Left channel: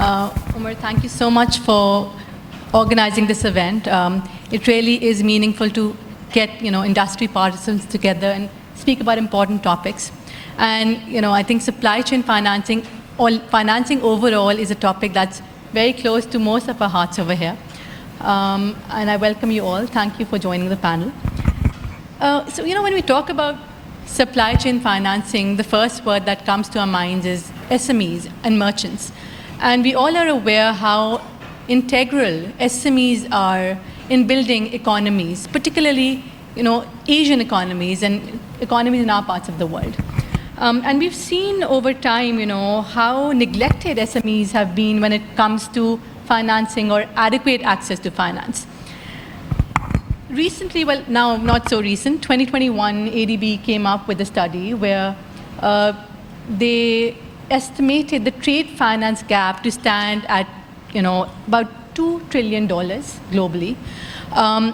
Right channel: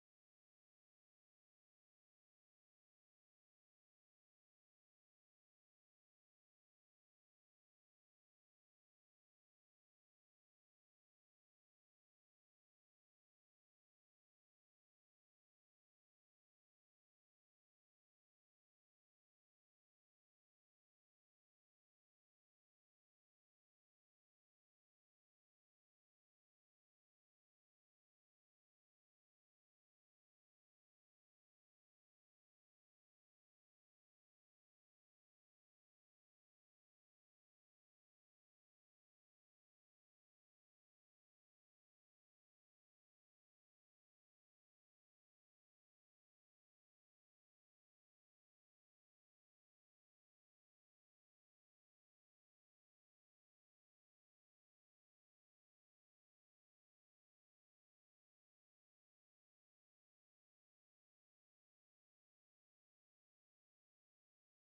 Umar, thank you so much for organizing this event. It really is meaningful to get industry participants together and speak about important topics. And I think supply chain financing, or financing overall, is a topic that's very close to most of our hearts over here. And I welcome you all. Thank you for joining the panel. So when we talk about supply chain financing, the first word that comes to our minds is SMEs and merchants. And we all are aware how integral SMEs are in building economies, particularly Asian economies and economies in our parts of the world. And we've seen over time how neglected SMEs have been when it comes to financing or adequate access to finance. Recently, well, now not so recent, 2021, ADB came up with a study where they estimated the trade finance gap to stand at about $2 trillion globally.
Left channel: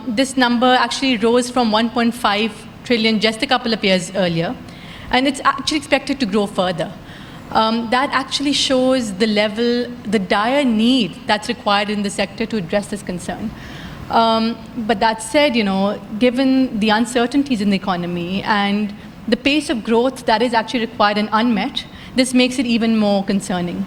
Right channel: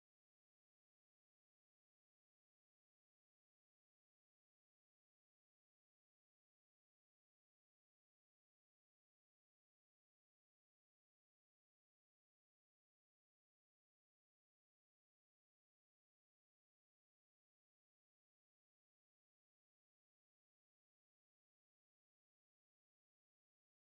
This number actually rose from 1.5 trillion just a couple of years earlier, and it's actually expected to grow further. That actually shows the dire need that's required in the sector to address this concern. But that said, given the uncertainties in the economy and the pace of growth that is actually required and unmet, this makes it even more concerning.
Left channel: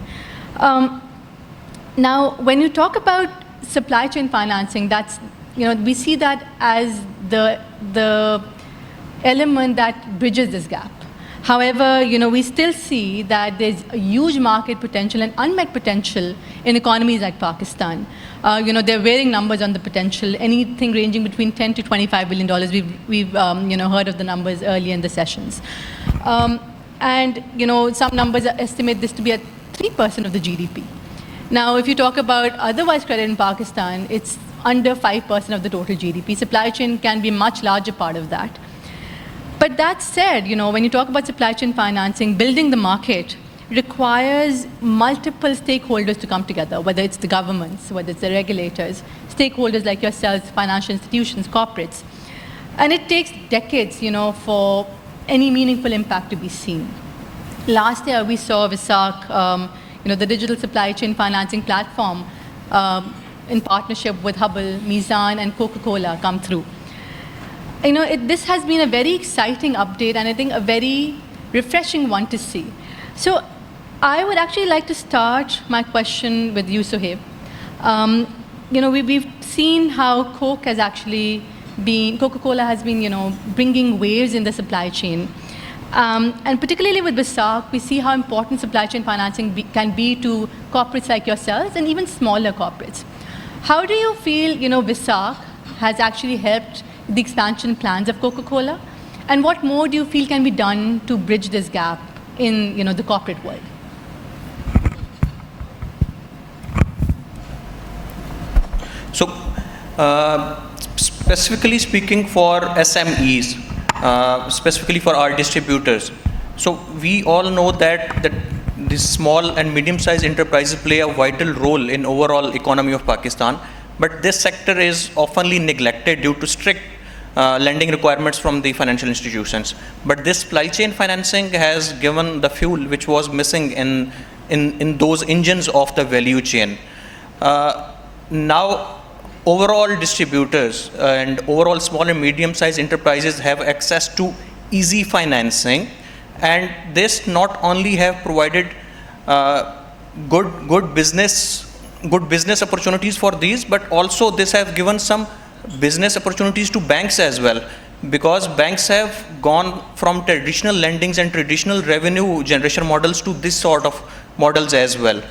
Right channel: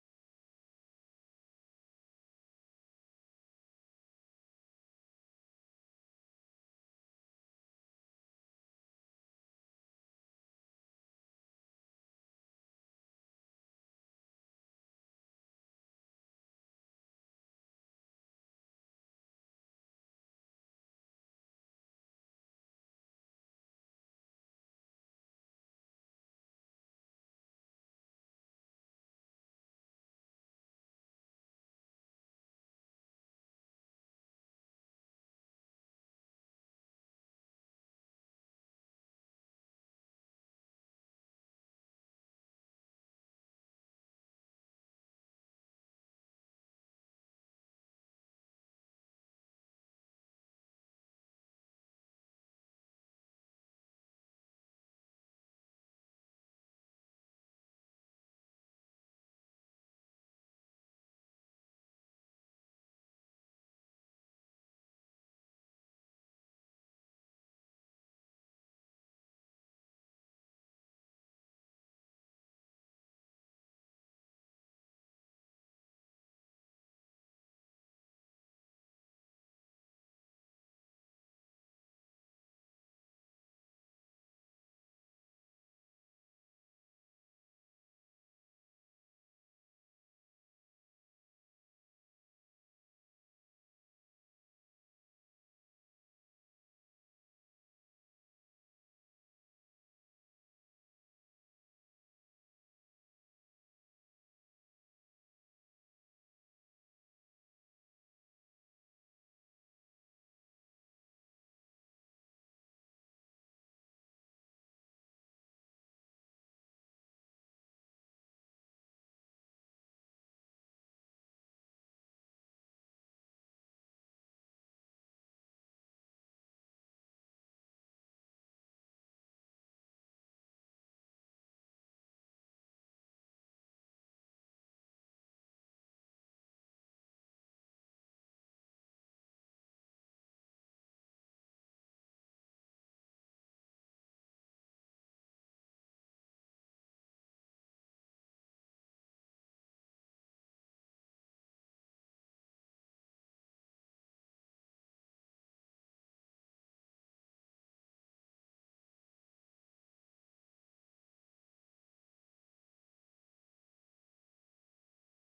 Now, when you talk about supply chain financing, that's we see that as the element that bridges this gap. However, we still see that there's a huge market potential and unmet potential in economies like Pakistan. There are varying numbers on the potential, anything ranging between $10 to $25 billion. We've heard of the numbers earlier in the sessions. And some numbers estimate this to be at 3% of the GDP. Now, if you talk about otherwise credit in Pakistan, it's under 5% of the total GDP. Supply chain can be a much larger part of that. But that said, when you talk about supply chain financing, building the market requires multiple stakeholders to come together, whether it's the governments, whether it's the regulators, stakeholders like yourselves, financial institutions, corporates. And it takes decades, for any meaningful impact to be seen. Last year, we saw VISAC, the digital supply chain financing platform, in partnership with Haball, Mizan, and Coca-Cola come through. This has been a very exciting update, and I think a very refreshing one to see. So I would actually like to start my question with you, Sohaib. We've seen how Coca-Cola has been, bringing waves in the supply chain. And particularly with VISAC, we see how important supply chain financing can be to corporates like yourselves and even smaller corporates. How do you feel, VISAC has actually helped the expansion plans of Coca-Cola? And what more do you feel can be done to bridge this gap in, the corporate world? So, specifically speaking for SMEs, specifically for our distributors, so we all know that these small and medium-sized enterprises play a vital role in overall economy of Pakistan, but this sector is oftenly neglected due to strict lending requirements from the financial institutions. But this supply chain financing has given the fuel which was missing in those engines of the value chain. Now, overall distributors and overall small and medium-sized enterprises have access to easy financing, and this not only have provided good business opportunities for these, but also this have given some business opportunities to banks as well, because banks have gone from traditional lendings and traditional revenue generation models to this sort of models as well.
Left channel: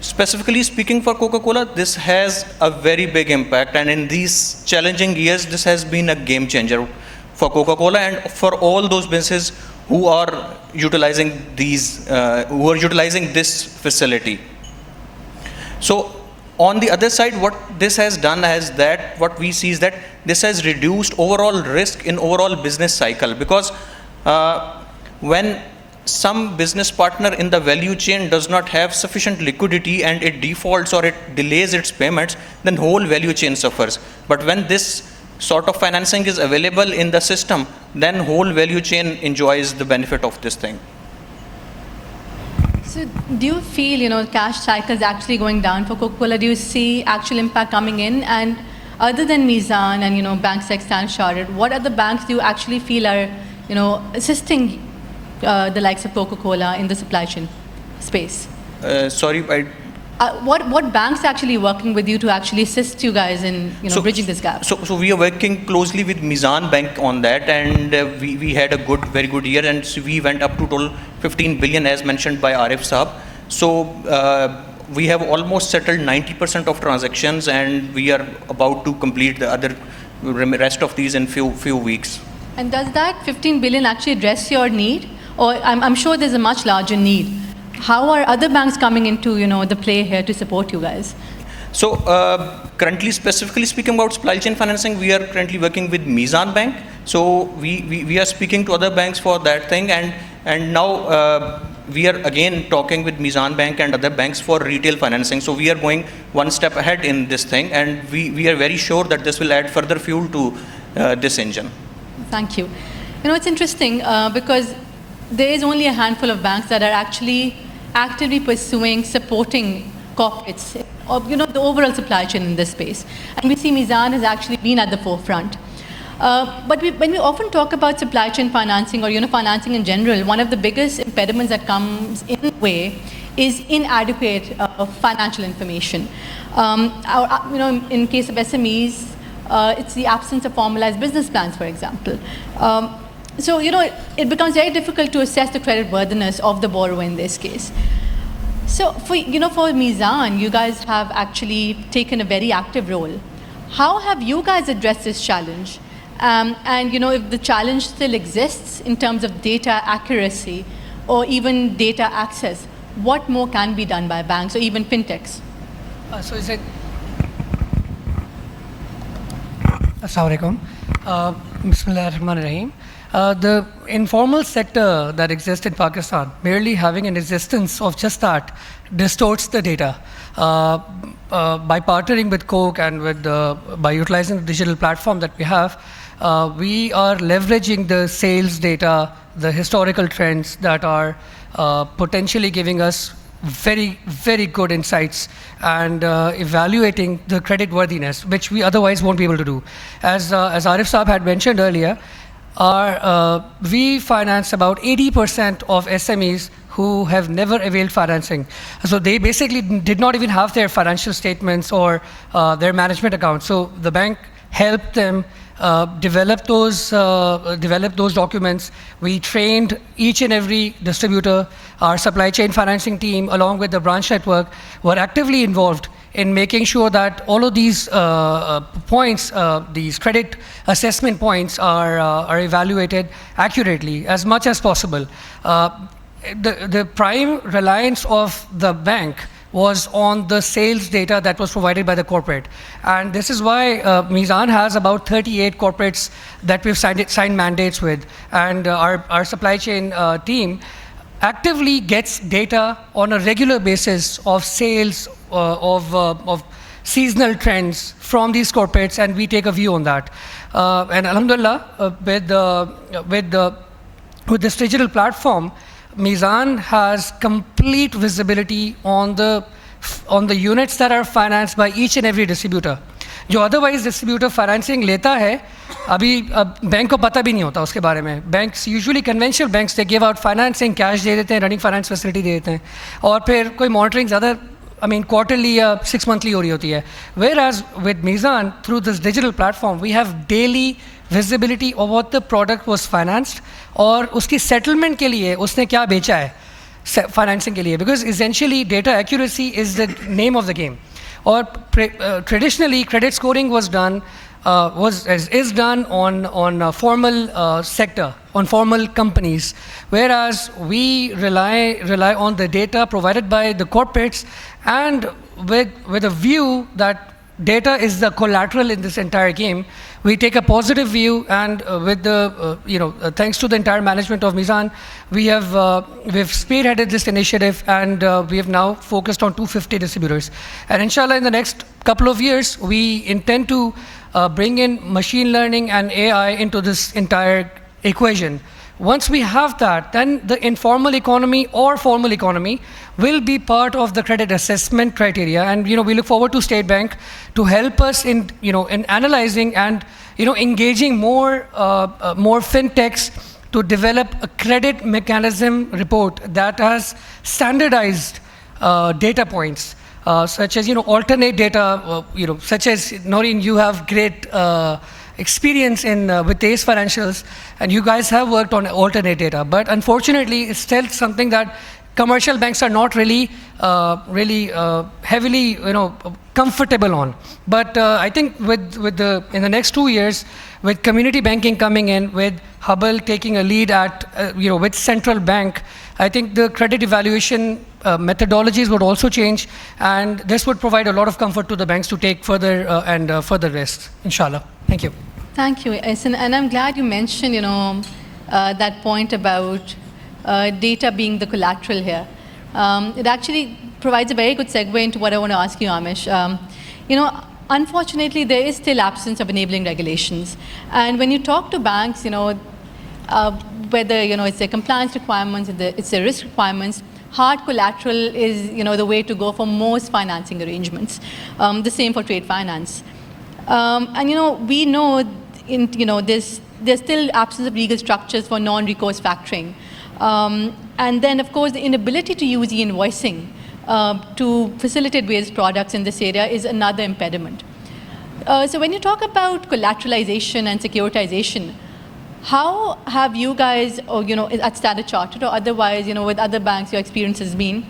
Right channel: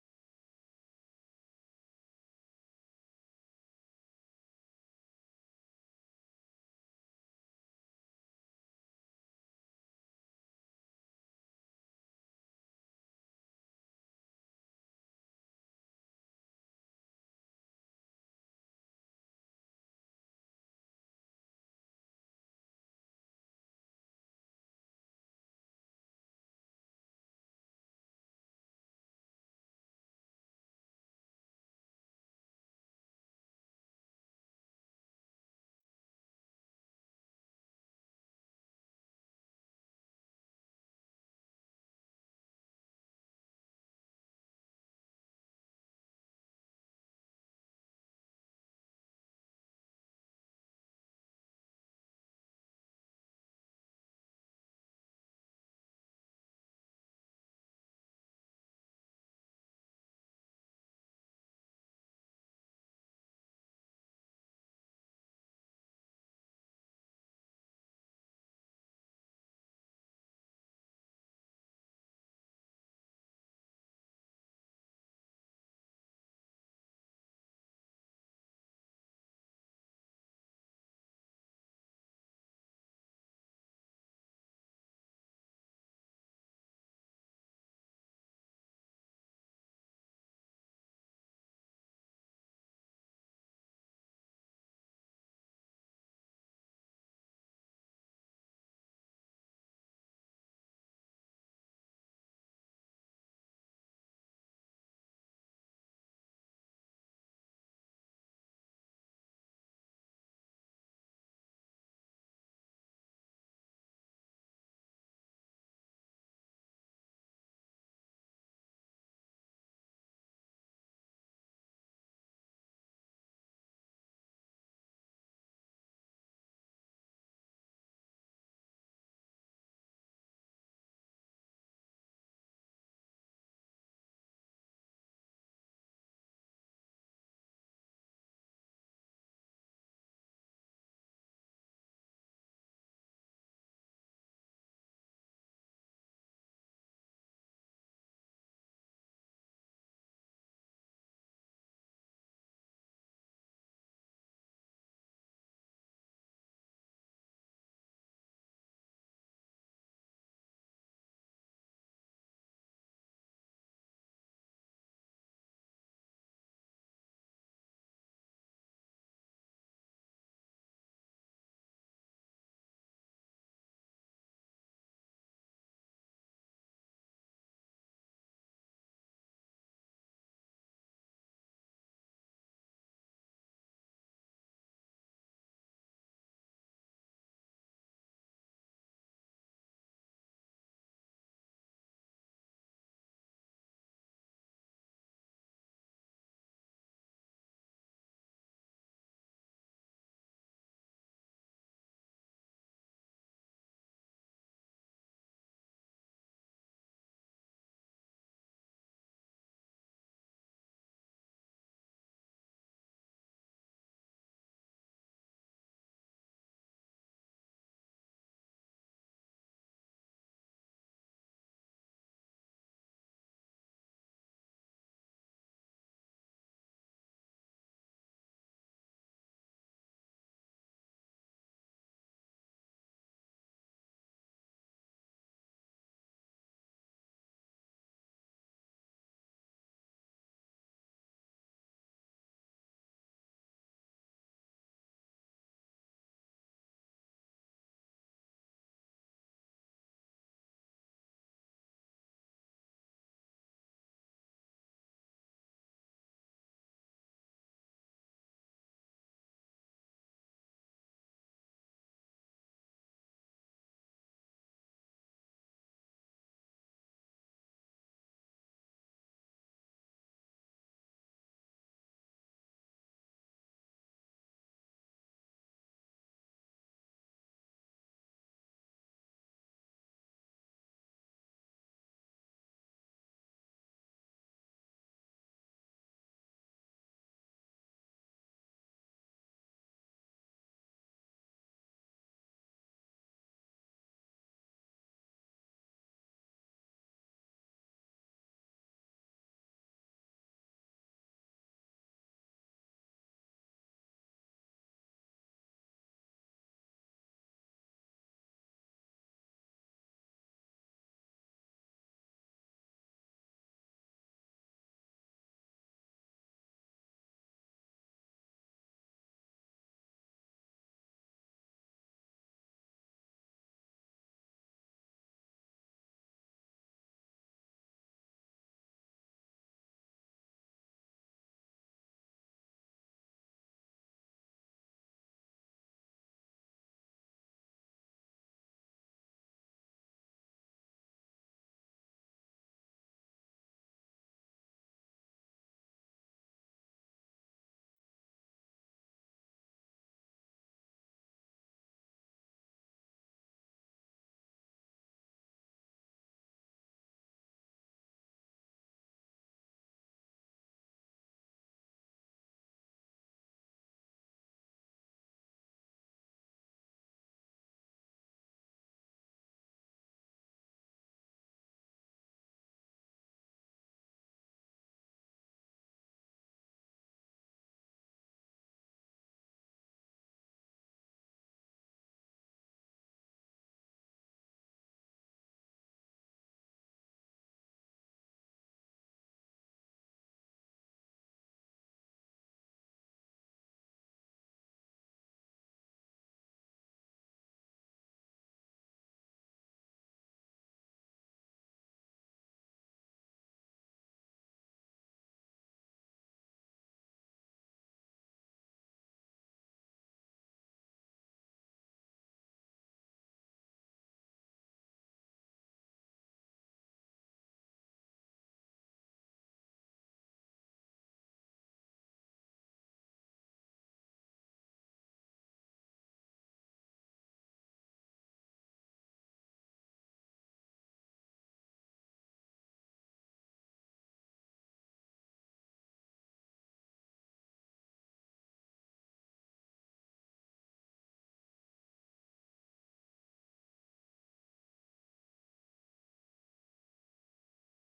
Specifically speaking for Coca-Cola, this has a very big impact, and in these challenging years, this has been a game changer for Coca-Cola and for all those businesses who are utilizing this facility. So, on the other side, what this has done is that what we see is that this has reduced overall risk in overall business cycle, because when some business partner in the value chain does not have sufficient liquidity and it defaults or it delays its payments, then whole value chain suffers. But when this sort of financing is available in the system, then whole value chain enjoys the benefit of this thing. So do you feel, cash cycles actually going down for Coca-Cola? Do you see actual impact coming in? And other than Mizan and, banks like Standard Chartered, what other banks do you actually feel are, assisting the likes of Coca-Cola in the supply chain space? Sorry, what banks are actually working with you to actually assist you guys in bridging this gap? So we are working closely with Mizan Bank on that, and we had a very good year, and so we went up to total 15 billion as mentioned by Arif Saab. So we have almost settled 90% of transactions, and we are about to complete the other rest of these in few weeks. And does that 15 billion actually address your need? Or I'm sure there's a much larger need. How are other banks coming into the play here to support you guys? So currently, specifically speaking about supply chain financing, we are currently working with Mizan Bank. So we are speaking to other banks for that thing, and now we are again talking with Mizan Bank and other banks for retail financing. So we are going one step ahead in this thing, and we are very sure that this will add further fuel to this engine. Thank you. It's interesting because there is only a handful of banks that are actually actively pursuing, supporting corporates, or the overall supply chain in this space. And we see Mizan has actually been at the forefront. But when we often talk about supply chain financing or financing in general, one of the biggest impediments that comes in the way is inadequate financial information. In case of SMEs, it's the absence of formalized business plans, for example. So, it becomes very difficult to assess the credit worthiness of the borrower in this case. So, for Mizan, you guys have actually taken a very active role. How have you guys addressed this challenge? And, if the challenge still exists in terms of data accuracy or even data access, what more can be done by banks or even fintechs? So is it? Assalamu alaikum. Bismillah ar-Rahman ar-Rahim. The informal sector that exists in Pakistan, merely having an existence of just that, distorts the data. By partnering with Coke and by utilizing the digital platform that we have, we are leveraging the sales data, the historical trends that are potentially giving us very, very good insights and evaluating the credit worthiness, which we otherwise won't be able to do. As Arif Saab had mentioned earlier, we finance about 80% of SMEs who have never availed financing. So they basically did not even have their financial statements or their management accounts. So the bank helped them develop those documents. We trained each and every distributor. Our supply chain financing team, along with the branch network, were actively involved in making sure that all of these points, these credit assessment points, are evaluated accurately as much as possible. The prime reliance of the bank was on the sales data that was provided by the corporate. And this is why Mizan has about 38 corporates that we've signed mandates with. And our supply chain team actively gets data on a regular basis of sales, of seasonal trends from these corporates, and we take a view on that. And alhamdulillah, with this digital platform, Mizan has complete visibility on the units that are financed by each and every distributor. जो otherwise distributor financing लेता है, अभी bank को पता भी नहीं होता उसके बारे में. Banks, usually conventional banks, they give out financing, cash दे देते हैं, running finance facility दे देते हैं, और फिर कोई monitoring ज़्यादा, quarterly या 6 monthly हो रही होती है. Whereas with Mizan, through this digital platform, we have daily visibility of what the product was financed और उसकी settlement के लिए उसने क्या बेचा है financing के लिए, because essentially data accuracy is the name of the game. Or traditionally credit scoring was done is done on formal sector, on formal companies, whereas we rely on the data provided by the corporates, and with a view that data is the collateral in this entire game. We take a positive view, and with the thanks to the entire management of Mizan, we've spearheaded this initiative, and we have now focused on 250 distributors. And inshallah, in the next couple of years, we intend to bring in machine learning and AI into this entire equation, Once we have that, then the informal economy or formal economy will be part of the credit assessment criteria. And we look forward to State Bank to help us in in analyzing and engaging more fintechs to develop a credit mechanism report that has standardized data points, such as alternate data, such as Naureen, you have great experience with ACE Financials, and you guys have worked on alternate data. But unfortunately, it's still something that commercial banks are not really heavily comfortable on. But I think in the next 2 years, with community banking coming in, with Haball taking a lead with central bank, I think the credit evaluation methodologies would also change, and this would provide a lot of comfort to the banks to take further further risks, inshallah. Thank you. Thank you, Ahsan. And I'm glad you mentioned, that point about data being the collateral here. It actually provides a very good segue into what I want to ask you, Aamish. Unfortunately, there is still absence of enabling regulations. And when you talk to banks, whether it's their compliance requirements, it's their risk requirements, hard collateral is the way to go for most financing arrangements. The same for trade finance. And we know there's still absence of legal structures for non-recourse factoring. And then, of course, the inability to use e-invoicing to facilitate various products in this area is another impediment. So when you talk about collateralization and securitization, how have you guys, at Standard Chartered or otherwise, with other banks, your experience has been,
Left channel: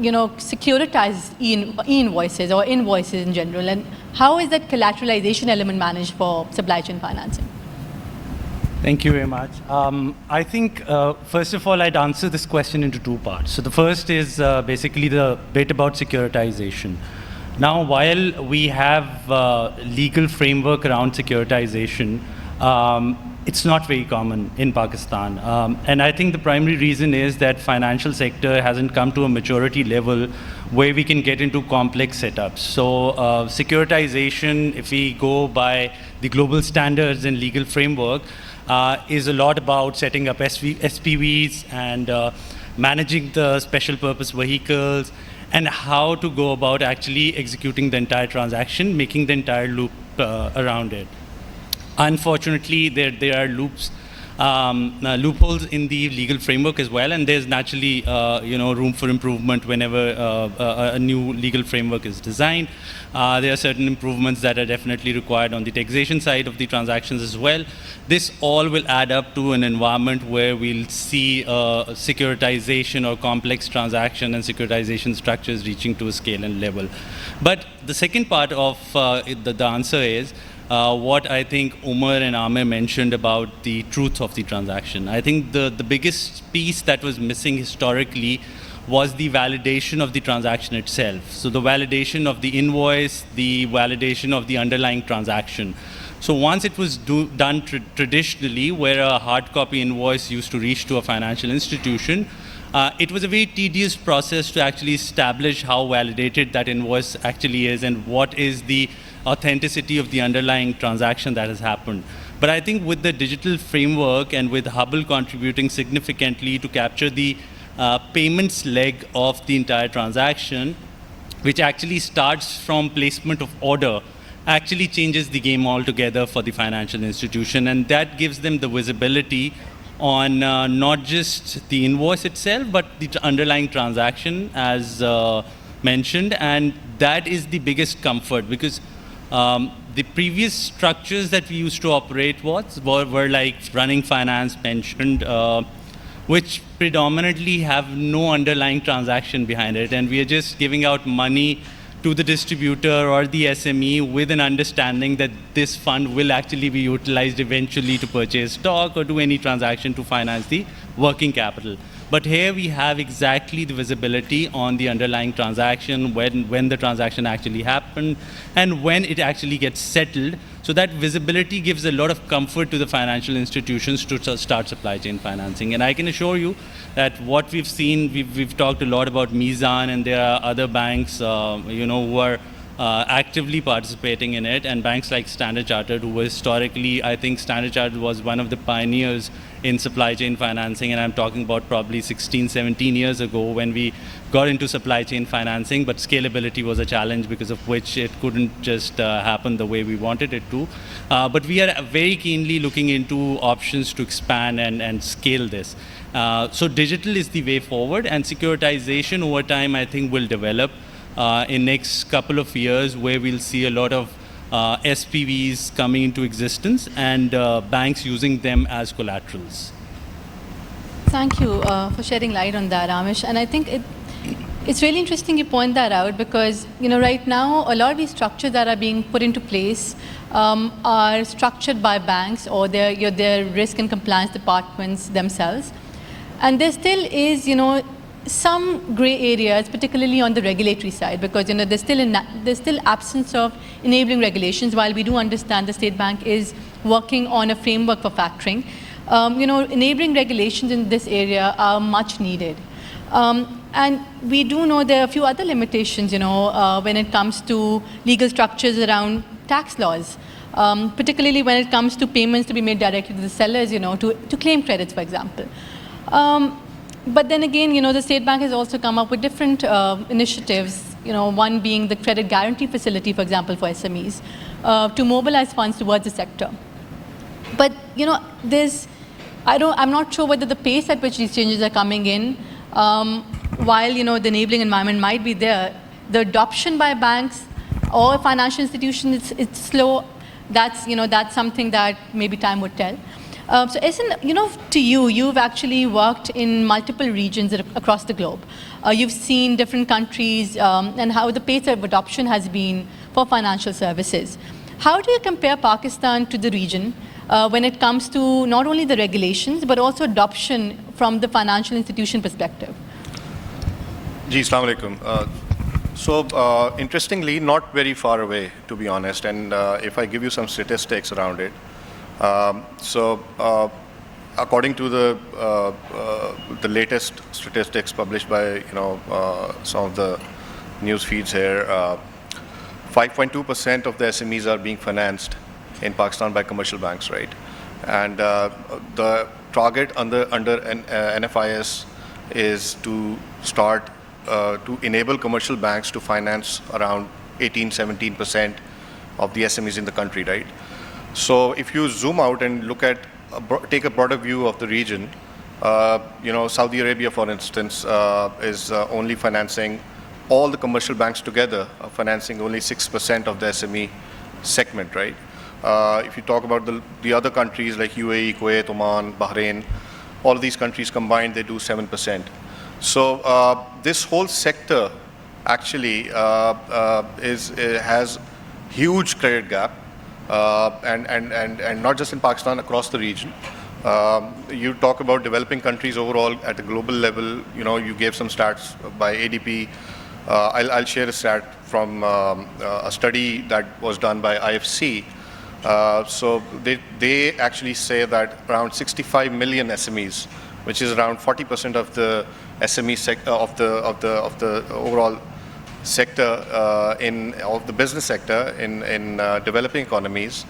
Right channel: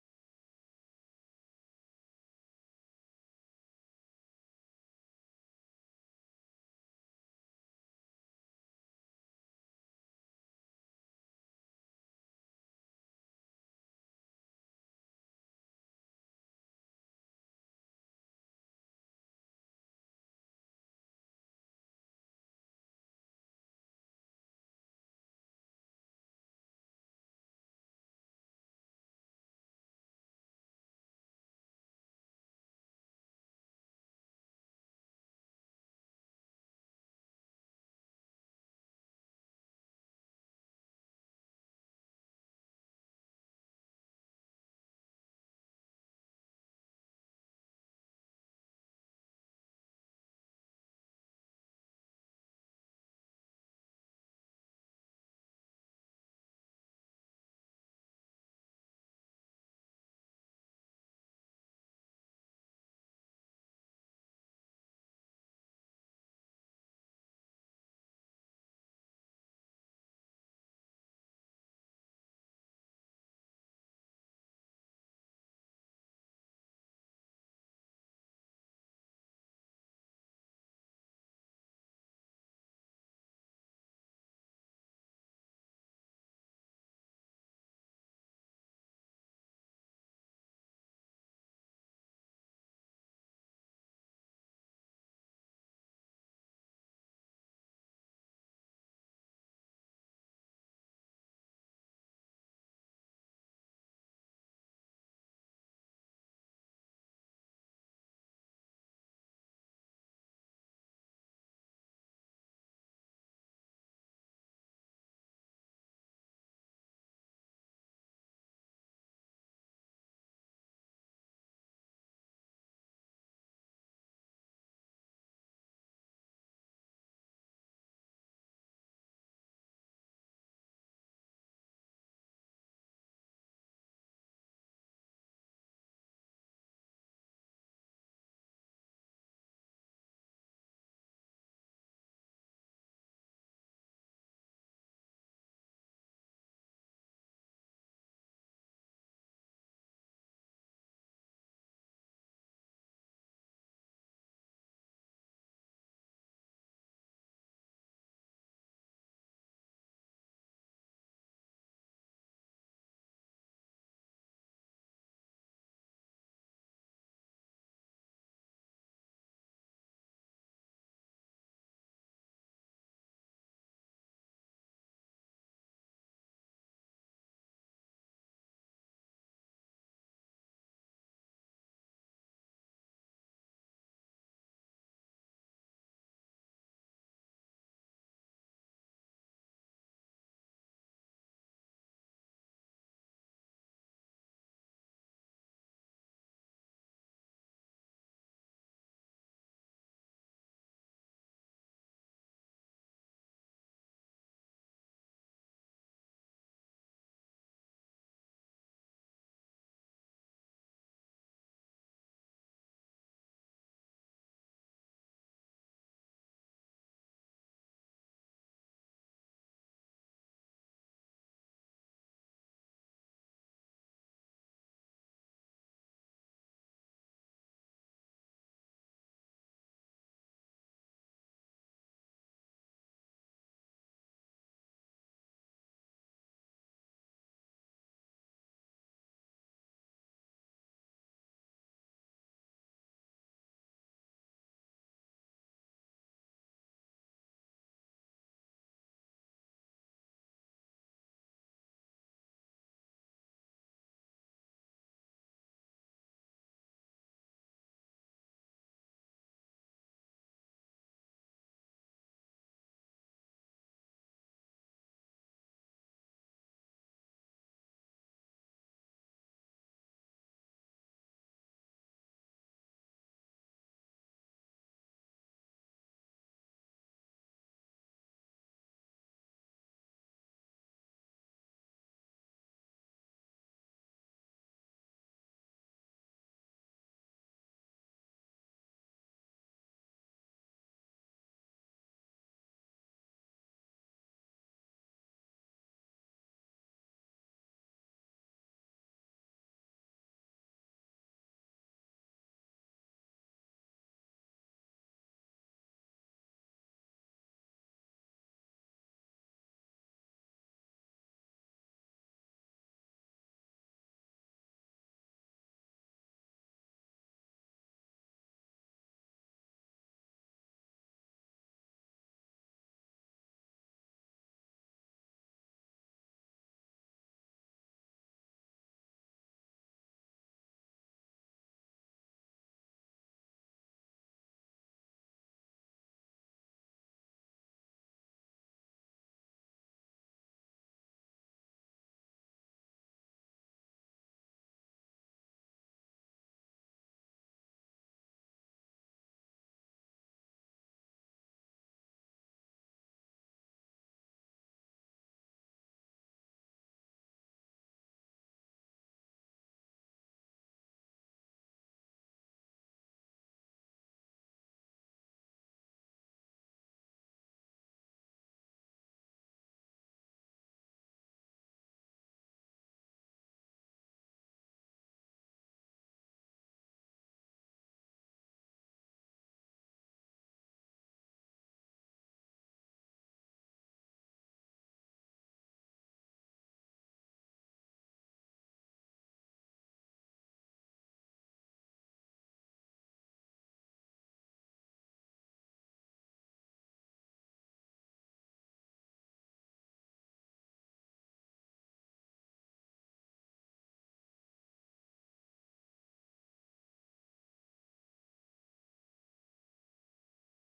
securitized e-invoices or invoices in general, and how is that collateralization element managed for supply chain financing? Thank you very much. I think, first of all, I'd answer this question into two parts. So the first is basically the bit about securitization. Now, while we have legal framework around securitization, it's not very common in Pakistan. And I think the primary reason is that financial sector hasn't come to a maturity level where we can get into complex setups. So securitization, if we go by the global standards and legal framework, is a lot about setting up SPVs and managing the special purpose vehicles and how to go about actually executing the entire transaction, making the entire loop around it. Unfortunately, there are loopholes in the legal framework as well, and there's naturally room for improvement whenever a new legal framework is designed. There are certain improvements that are definitely required on the taxation side of the transactions as well. This all will add up to an environment where we'll see securitization or complex transaction and securitization structures reaching to a scale and level. But the second part of the answer is what I think Umar and Amir mentioned about the truth of the transaction. I think the biggest piece that was missing historically was the validation of the transaction itself. So the validation of the invoice, the validation of the underlying transaction. So once it was done traditionally, where a hard copy invoice used to reach to a financial institution, it was a very tedious process to actually establish how validated that invoice actually is and what is the authenticity of the underlying transaction that has happened. But I think with the digital framework and with Haball contributing significantly to capture the payments leg of the entire transaction, which actually starts from placement of order, actually changes the game altogether for the financial institution. And that gives them the visibility on not just the invoice itself, but the underlying transaction as mentioned. And that is the biggest comfort, because the previous structures that we used to operate were like running finance mentioned, which predominantly have no underlying transaction behind it. And we are just giving out money to the distributor or the SME with an understanding that this fund will actually be utilized eventually to purchase stock or do any transaction to finance the working capital. But here we have exactly the visibility on the underlying transaction, when the transaction actually happened, and when it actually gets settled. So that visibility gives a lot of comfort to the financial institutions to start supply chain financing. And I can assure you that what we've seen, we've talked a lot about Mizan, and there are other banks, who are actively participating in it, and banks like Standard Chartered, who was historically, I think Standard Chartered was one of the pioneers in supply chain financing, and I'm talking about probably 16, 17 years ago when we got into supply chain financing, but scalability was a challenge because of which it couldn't just happen the way we wanted it to. But we are very keenly looking into options to expand and scale this. So digital is the way forward, and securitization over time, I think, will develop in next couple of years, where we'll see a lot of SPVs coming into existence and banks using them as collaterals. Thank you for shedding light on that, Aamish. And I think it's really interesting you point that out, because right now a lot of these structures that are being put into place are structured by banks or their risk and compliance departments themselves. And there still is, some gray areas, particularly on the regulatory side, because there's still absence of enabling regulations. While we do understand the State Bank is working on a framework for factoring, enabling regulations in this area are much needed. And we do know there are a few other limitations, when it comes to legal structures around tax laws, particularly when it comes to payments to be made directly to the sellers, to claim credits, for example. But then again, the State Bank has also come up with different initiatives, one being the credit guarantee facility, for example, for SMEs, to mobilize funds towards the sector. But, I'm not sure whether the pace at which these changes are coming in, while, the enabling environment might be there, the adoption by banks or financial institutions, it's slow. That's something that maybe time would tell. So Ahsan, to you've actually worked in multiple regions across the globe. You've seen different countries and how the pace of adoption has been for financial services. How do you compare Pakistan to the region when it comes to not only the regulations, but also adoption from the financial institution perspective? Ji, Assalamu alaikum. So interestingly, not very far away, to be honest. And if I give you some statistics around it, according to the latest statistics published by some of the news feeds here, 5.2% of the SMEs are being financed in Pakistan by commercial banks, right? And the target under NFIS is to start to enable commercial banks to finance around 18-17% of the SMEs in the country, right? So if you zoom out and look at, take a broader view of the region, Saudi Arabia, for instance, is only financing, all the commercial banks together are financing only 6% of the SME segment, right? If you talk about the other countries like UAE, Kuwait, Oman, Bahrain, all of these countries combined, they do 7%. So this whole sector actually has huge credit gap. And not just in Pakistan, across the region. You talk about developing countries overall at a global level. You gave some stats by ADP. I'll share a stat from a study that was done by IFC. So they actually say that around 65 million SMEs, which is around 40% of the SME sector of the overall sector of the business sector in developing economies,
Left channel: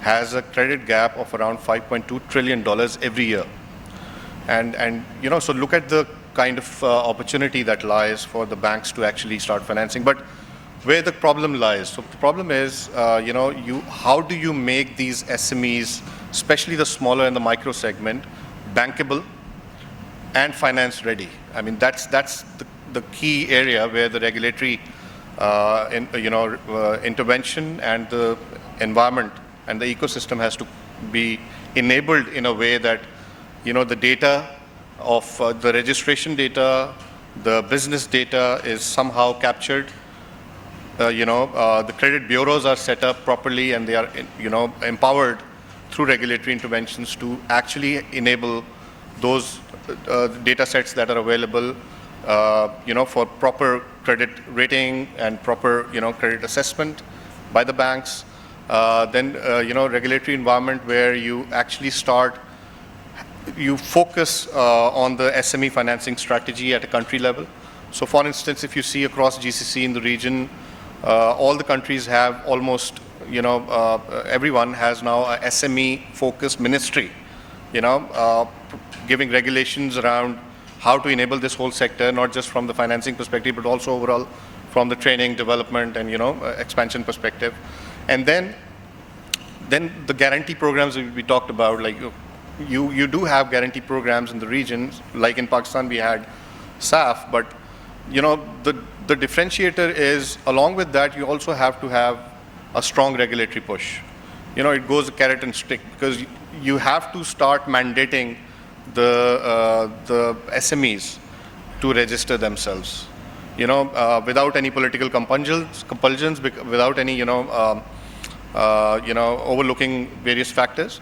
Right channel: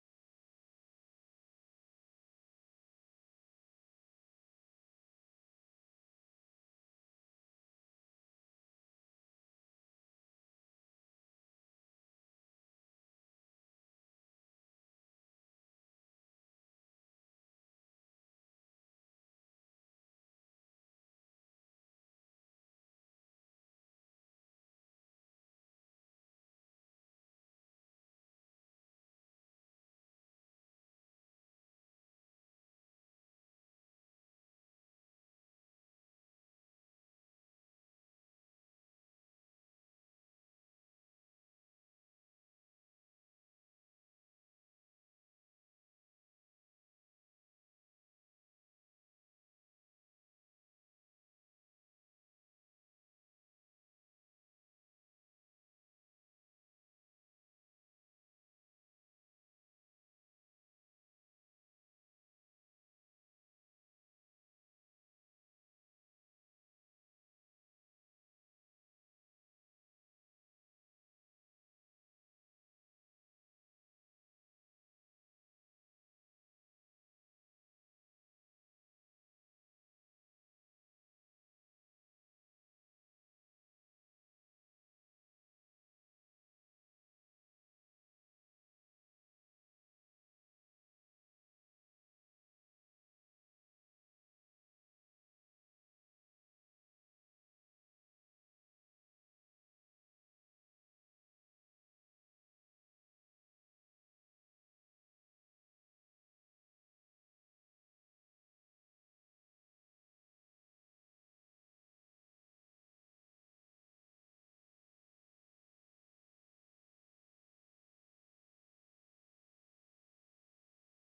has a credit gap of around $5.2 trillion every year. And so look at the kind of opportunity that lies for the banks to actually start financing. But where the problem lies, so the problem is, how do you make these SMEs, especially the smaller and the micro segment, bankable and finance ready? I mean, that's the key area where the regulatory intervention and the environment and the ecosystem has to be enabled in a way that the data of the registration data, the business data is somehow captured. The credit bureaus are set up properly, and they are empowered through regulatory interventions to actually enable those data sets that are available for proper credit rating and proper, credit assessment by the banks. Then, regulatory environment where you actually you focus on the SME financing strategy at a country level. So for instance, if you see across GCC in the region, All the countries have almost, everyone has now a SME-focused ministry, giving regulations around how to enable this whole sector, not just from the financing perspective, but also overall from the training, development, and expansion perspective. And then the guarantee programs we talked about, like you do have guarantee programs in the regions, like in Pakistan we had SAF, but the differentiator is, along with that, you also have to have a strong regulatory push. It goes carrot and stick, because you have to start mandating the SMEs to register themselves, without any political compulsions, without any, overlooking various factors,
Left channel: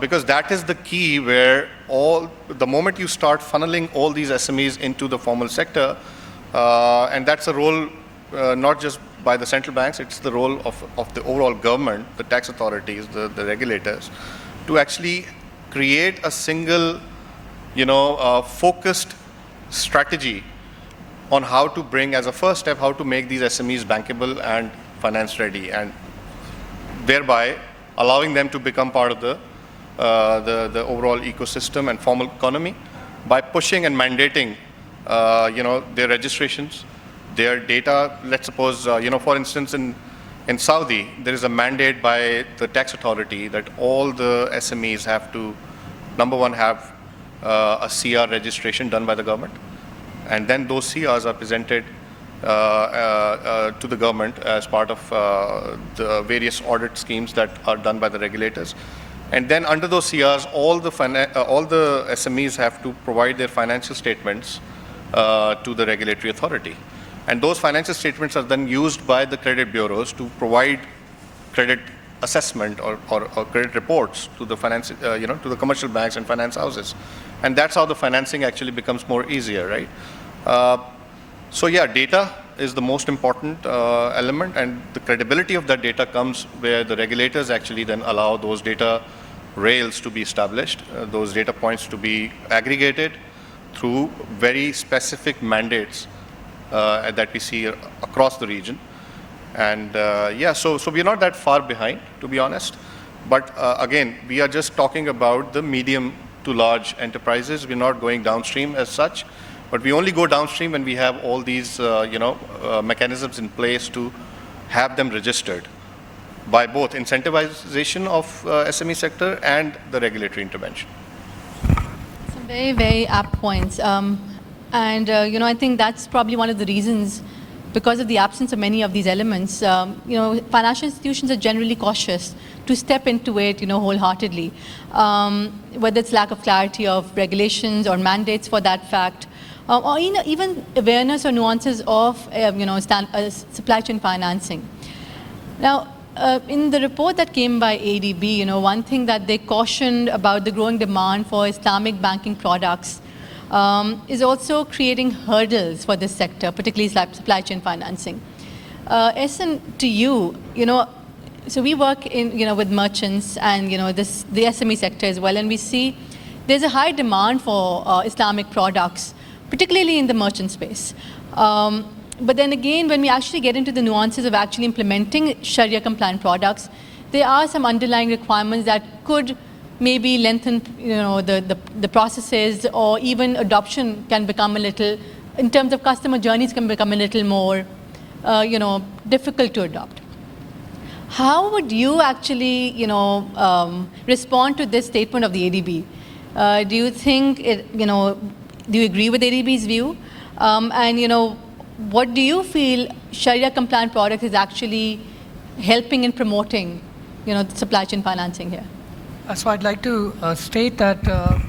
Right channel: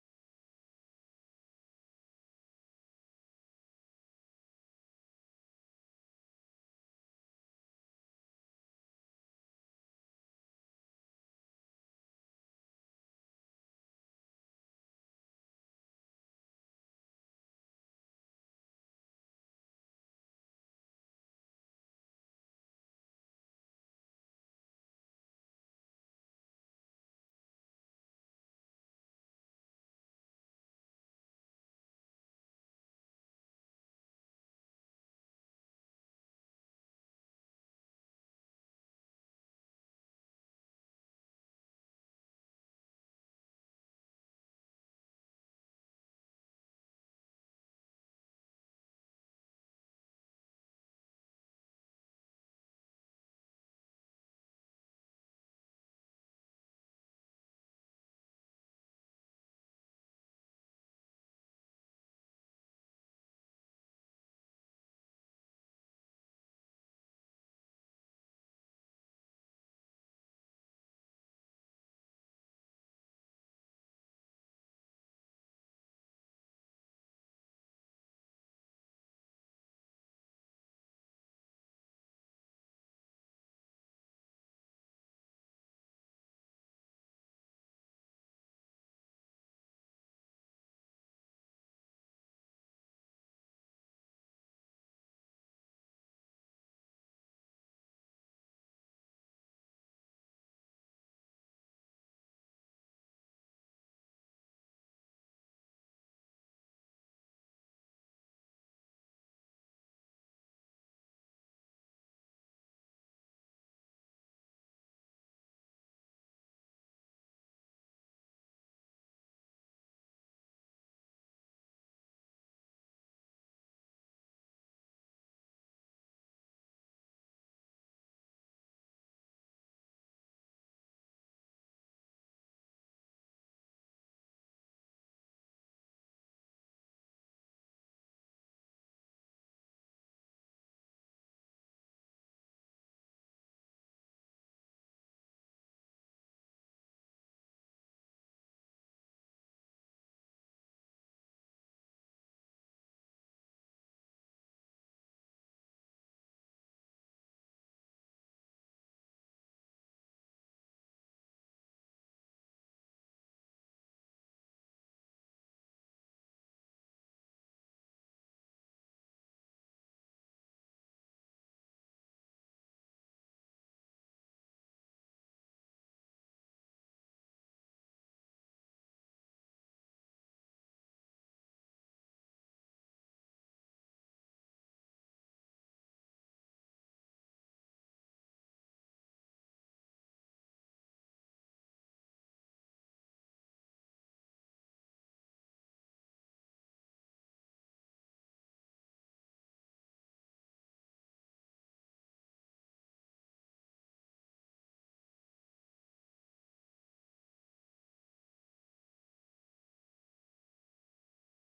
because that is the key where the moment you start funneling all these SMEs into the formal sector, and that's a role not just by the central banks, it's the role of the overall government, the tax authorities, the regulators, to actually create a single, focused strategy on how to bring, as a first step, how to make these SMEs bankable and finance ready, and thereby allowing them to become part of the overall ecosystem and formal economy by pushing and mandating, their registrations, their data. Let's suppose, for instance, in Saudi, there is a mandate by the tax authority that all the SMEs have to, number one, have a CR registration done by the government. And then those CRs are presented to the government as part of the various audit schemes that are done by the regulators. And then under those CRs, all the SMEs have to provide their financial statements to the regulatory authority. And those financial statements are then used by the credit bureaus to provide credit assessment or credit reports to the to the commercial banks and finance houses. And that's how the financing actually becomes more easier, right? So yeah, data is the most important element, and the credibility of that data comes where the regulators actually then allow those data rails to be established, those data points to be aggregated through very specific mandates that we see across the region. And yeah, so we're not that far behind, to be honest. But again, we are just talking about the medium to large enterprises. We're not going downstream as such, but we only go downstream when we have all these mechanisms in place to have them registered by both incentivization of SME sector and the regulatory intervention. Some very, very apt points. I think that's probably one of the reasons, because of the absence of many of these elements, financial institutions are generally cautious to step into it, wholeheartedly, whether it's lack of clarity of regulations or mandates for that fact, or even awareness or nuances of, supply chain financing. Now, in the report that came by ADB, one thing that they cautioned about the growing demand for Islamic banking products is also creating hurdles for this sector, particularly supply chain financing. Ahsan, to you, so we work with merchants and the SME sector as well, and we see there's a high demand for Islamic products, particularly in the merchant space. But then again, when we actually get into the nuances of actually implementing Sharia compliant products, there are some underlying requirements that could maybe lengthen the processes, or even adoption can become a little, in terms of customer journeys, can become a little more difficult to adopt. How would you actually respond to this statement of the ADB? Do you think do you agree with ADB's view? And what do you feel Sharia compliant products is actually helping in promoting the supply chain financing here? So I'd like to state that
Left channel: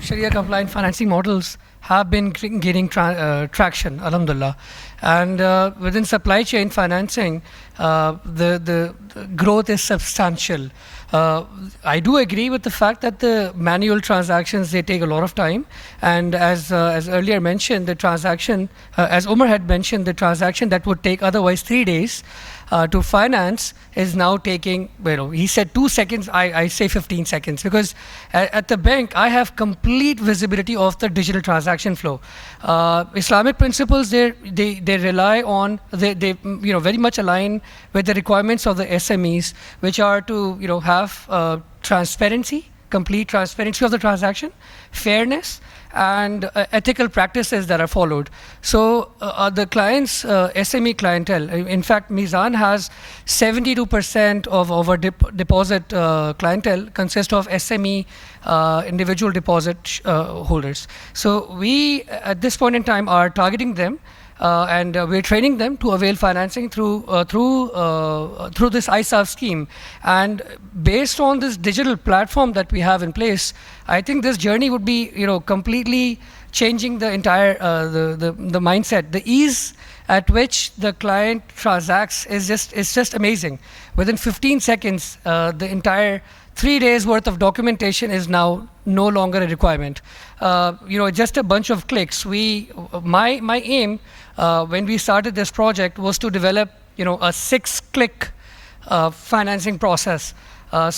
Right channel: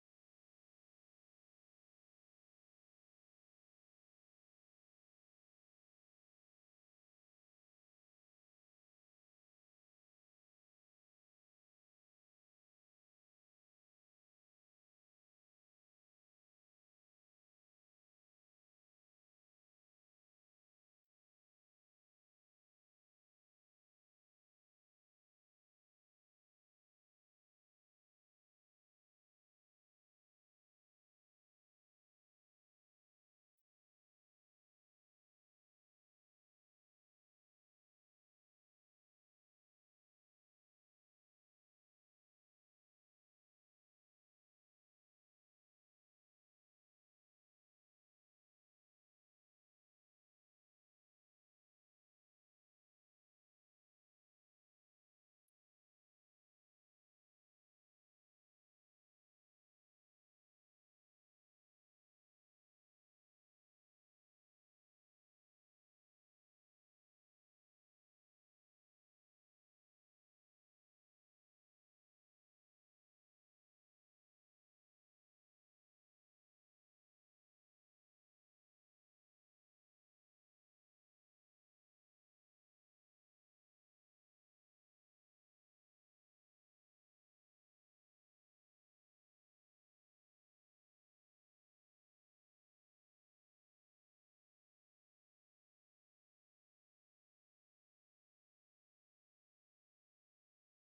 Sharia-compliant financing models have been gaining traction, alhamdulillah. And within supply chain financing, the growth is substantial. I do agree with the fact that the manual transactions, they take a lot of time. And as earlier mentioned, the transaction, as Umar had mentioned, the transaction that would take otherwise 3 days, to finance is now taking, he said 2 seconds, I say 15 seconds, because at the bank, I have complete visibility of the digital transaction flow. Islamic principles, they rely on, they very much align with the requirements of the SMEs, which are to, have transparency, complete transparency of the transaction, fairness, and ethical practices that are followed. So the clients, SME clientele, in fact, Mizan has 72% of our deposit clientele consist of SME individual deposit holders. So we, at this point in time, are targeting them and we're training them to avail financing through this ISAF scheme. And based on this digital platform that we have in place, I think this journey would be, completely changing the entire the mindset. The ease at which the client transacts is just amazing. Within 15 seconds, the entire 3 days worth of documentation is now no longer a requirement. Just a bunch of clicks. My aim when we started this project was to develop, a 6-click financing process. One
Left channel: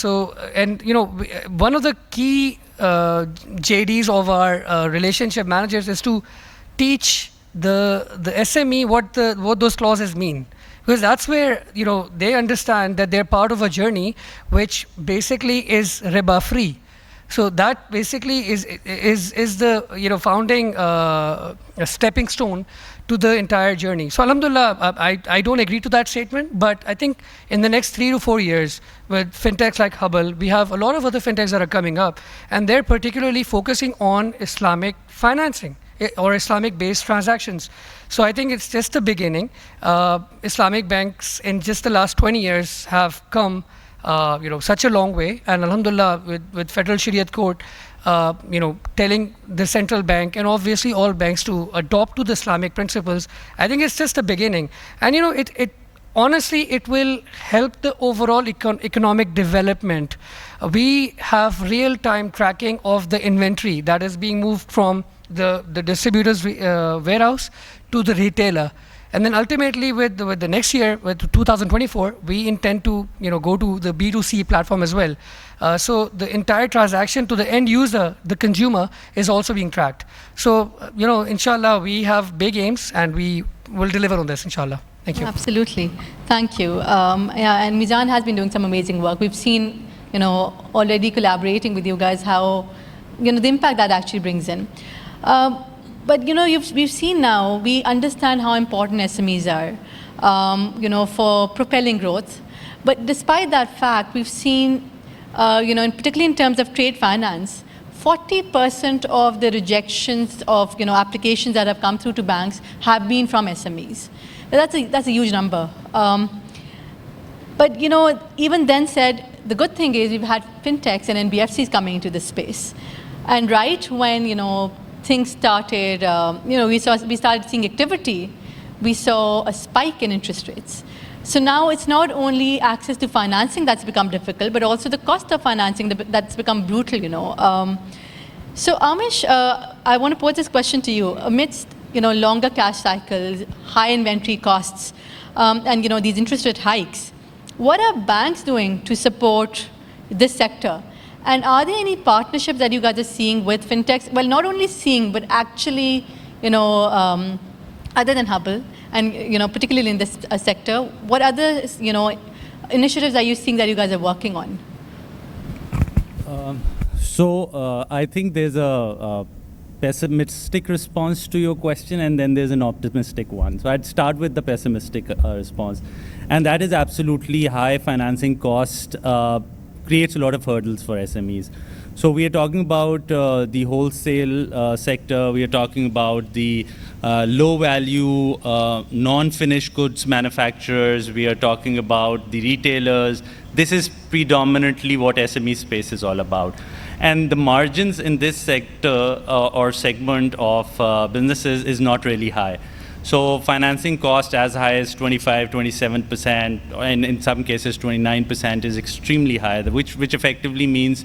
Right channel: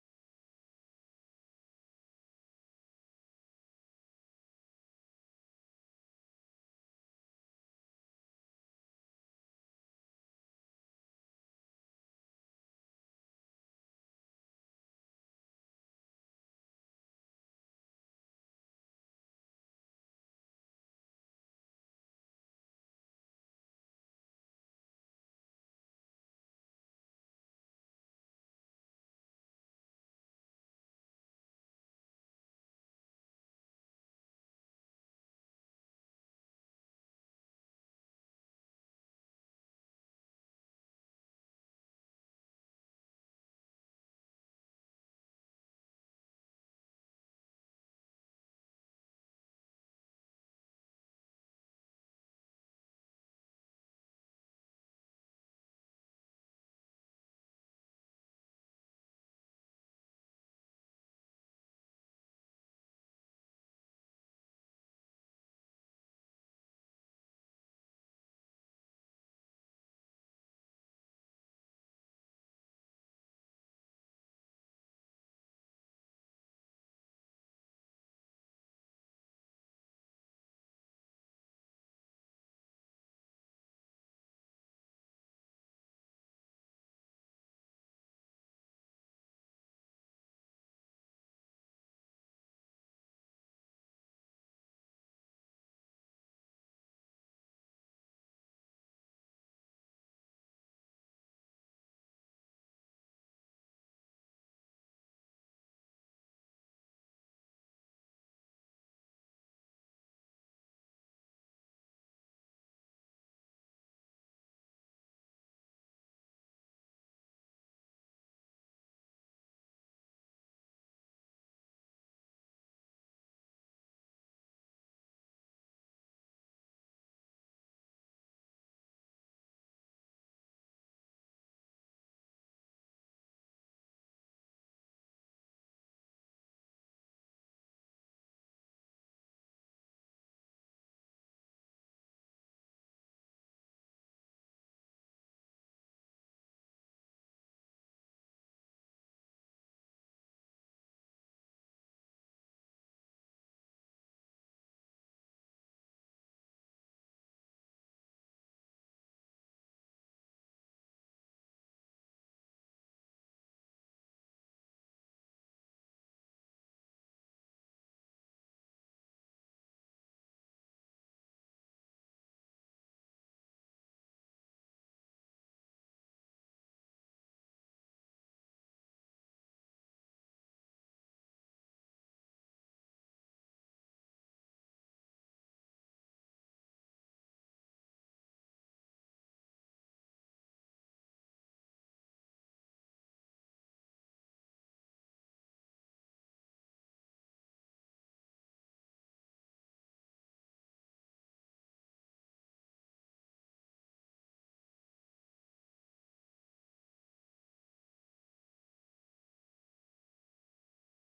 of the key JDs of our relationship managers is to teach the SME what those clauses mean. Because that's where, they understand that they're part of a journey which basically is riba free. So that basically is the, founding stepping stone to the entire journey. So alhamdulillah, I don't agree to that statement, but I think in the next 3 to 4 years, with fintechs like Haball, we have a lot of other fintechs that are coming up, and they're particularly focusing on Islamic financing or Islamic-based transactions. So I think it's just the beginning. Islamic banks in just the last 20 years have come such a long way, and alhamdulillah, with Federal Shariat Court, telling the central bank and obviously all banks to adopt to the Islamic principles, I think it's just a beginning. And honestly, it will help the overall economic development. We have real-time tracking of the inventory that is being moved from the distributor's warehouse to the retailer. And then ultimately, with the next year, with 2024, we intend to go to the B2C platform as well. So the entire transaction to the end user, the consumer, is also being tracked. So inshallah, we have big aims, and we will deliver on this, inshallah. Thank you. Absolutely, thank you. And Mizan has been doing some amazing work. We've seen, already collaborating with you guys how, the impact that actually brings in. But we've seen now, we understand how important SMEs are, for propelling growth. But despite that fact, we've seen, particularly in terms of trade finance, 40% of the rejections of applications that have come through to banks have been from SMEs. That's a huge number. But even then said, the good thing is we've had fintechs and NBFCs coming into this space, and right when things started, we started seeing activity, we saw a spike in interest rates. So now it's not only access to financing that's become difficult, but also the cost of financing that's become brutal, So Aamish, I want to pose this question to you. Amidst, longer cash cycles, high inventory costs, and, these interest rate hikes, what are banks doing to support this sector? And are there any partnerships that you guys are seeing with fintechs? Well, not only seeing, but actually, other than Haball, and particularly in this sector, what other initiatives are you seeing that you guys are working on? I think there's a pessimistic response to your question, and then there's an optimistic one. So I'd start with the pessimistic response, and that is absolutely high financing cost creates a lot of hurdles for SMEs. So we are talking about the wholesale sector. We are talking about the low-value, non-finished goods manufacturers. We are talking about the retailers. This is predominantly what SME space is all about. And the margins in this sector or segment of businesses is not really high. So financing cost as high as 25, 27%, and in some cases 29% is extremely high, which effectively means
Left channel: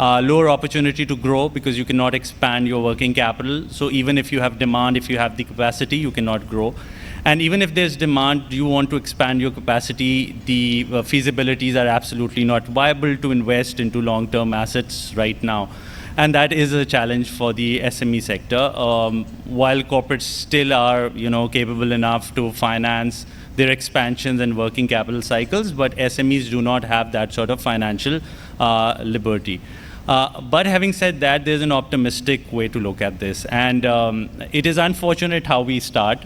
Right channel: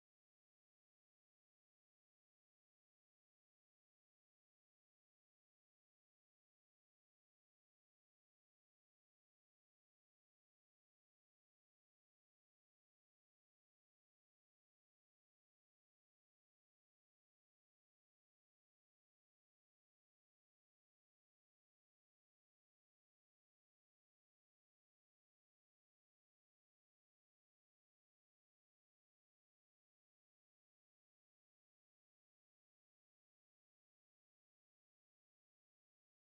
lower opportunity to grow because you cannot expand your working capital. So even if you have demand, if you have the capacity, you cannot grow. And even if there's demand, you want to expand your capacity, the feasibilities are absolutely not viable to invest into long-term assets right now. And that is a challenge for the SME sector. While corporates still are, capable enough to finance their expansions and working capital cycles, but SMEs do not have that sort of financial liberty. But having said that, there's an optimistic way to look at this. And it is unfortunate how we start,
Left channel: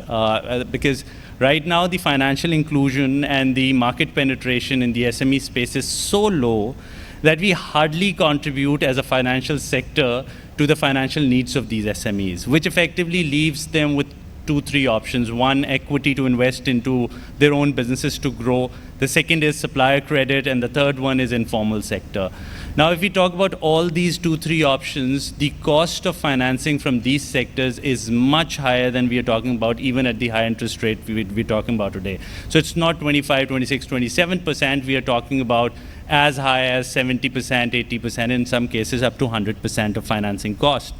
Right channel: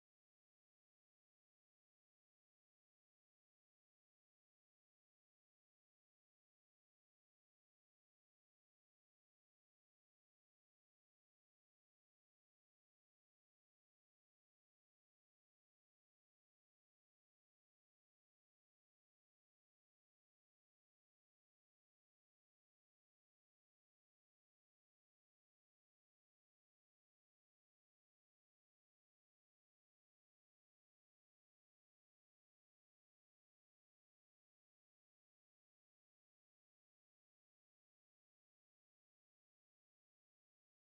because right now the financial inclusion and the market penetration in the SME space is so low that we hardly contribute as a financial sector to the financial needs of these SMEs, which effectively leaves them with 2-3 options. One, equity to invest into their own businesses to grow. The second is supplier credit, and the third one is informal sector. Now, if we talk about all these 2-3 options, the cost of financing from these sectors is much higher than we are talking about, even at the high interest rate we're talking about today. So it's not 25, 26, 27%. We are talking about as high as 70%, 80%, in some cases up to 100% of financing cost.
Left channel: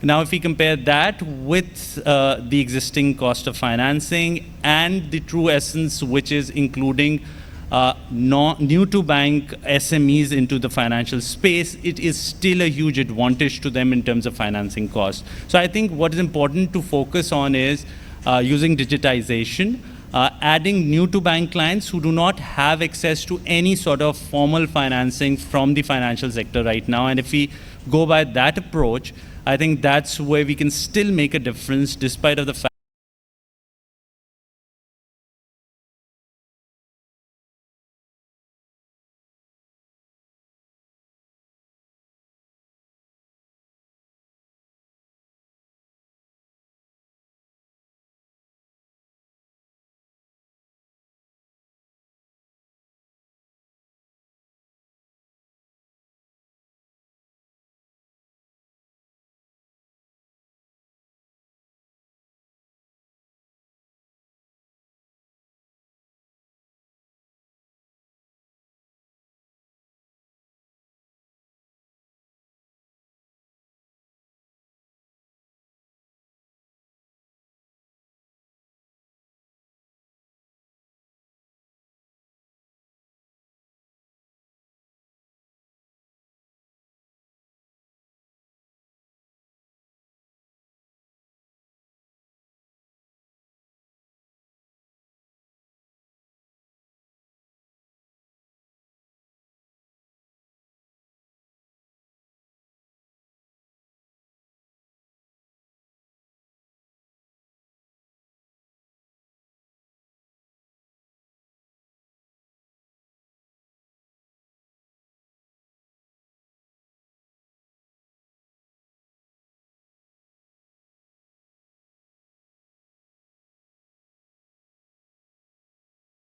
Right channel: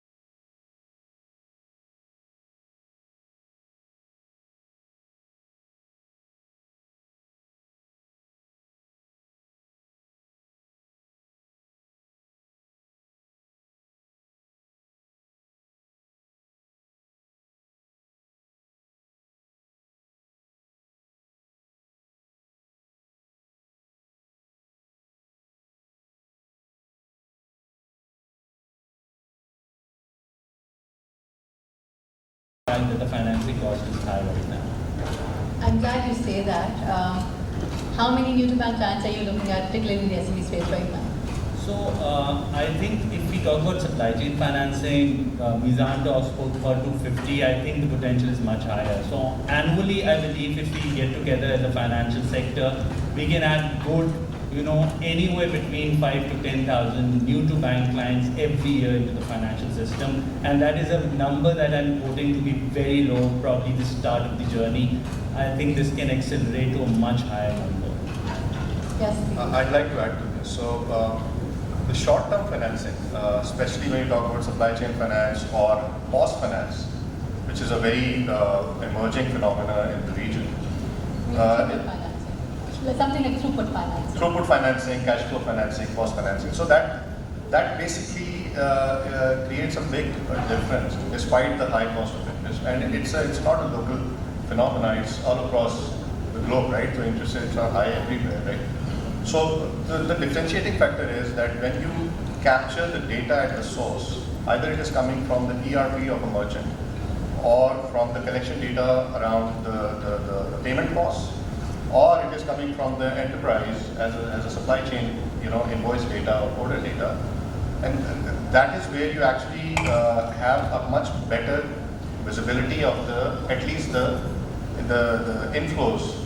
Now, if we compare that with the existing cost of financing and the true essence, which is including new-to-bank SMEs into the financial space, it is still a huge advantage to them in terms of financing costs. So I think what is important to focus on is using digitization, adding new-to-bank clients who do not have access to any sort of formal financing from the financial sector right now. And if we go by that approach, I think that's where we can still make a difference despite of the fact that the financing cost is high right now. I'm glad you say that. How many new-to-bank clients are you looking at, particularly in the SME space right now? So I think if we talk about supply chain financing, Mizan spoke about 250, I think the potential is much higher. So annually, I believe if we get together as a financial sector, we can add good, anywhere between 5 to 10,000 new-to-bank clients every year into the financial system. And that is a number that I'm quoting to be very low, probably the start of the journey. I think this can accelerate to a much higher number. Yes. I'd like to add to this. So the short-term financing, especially when you talk about supply chain finance or POS finance, which is a very emerging phenomena in the region. Something like throughput financing. Throughput financing, cash flow financing, POS financing. So that basically creates a big difference despite the high cost of interest. And it's not a local phenomenon, it's all across the globe, right? So interest rates are high everywhere, right? So the differentiating factor is that when you capture the data at the source, either it is coming from the ERP of a merchant or from the collection data around the payment costs, or it is coming from the enterprise as a supply chain, invoice data or order data, and that is where you actually have a much better visibility of at least the inflows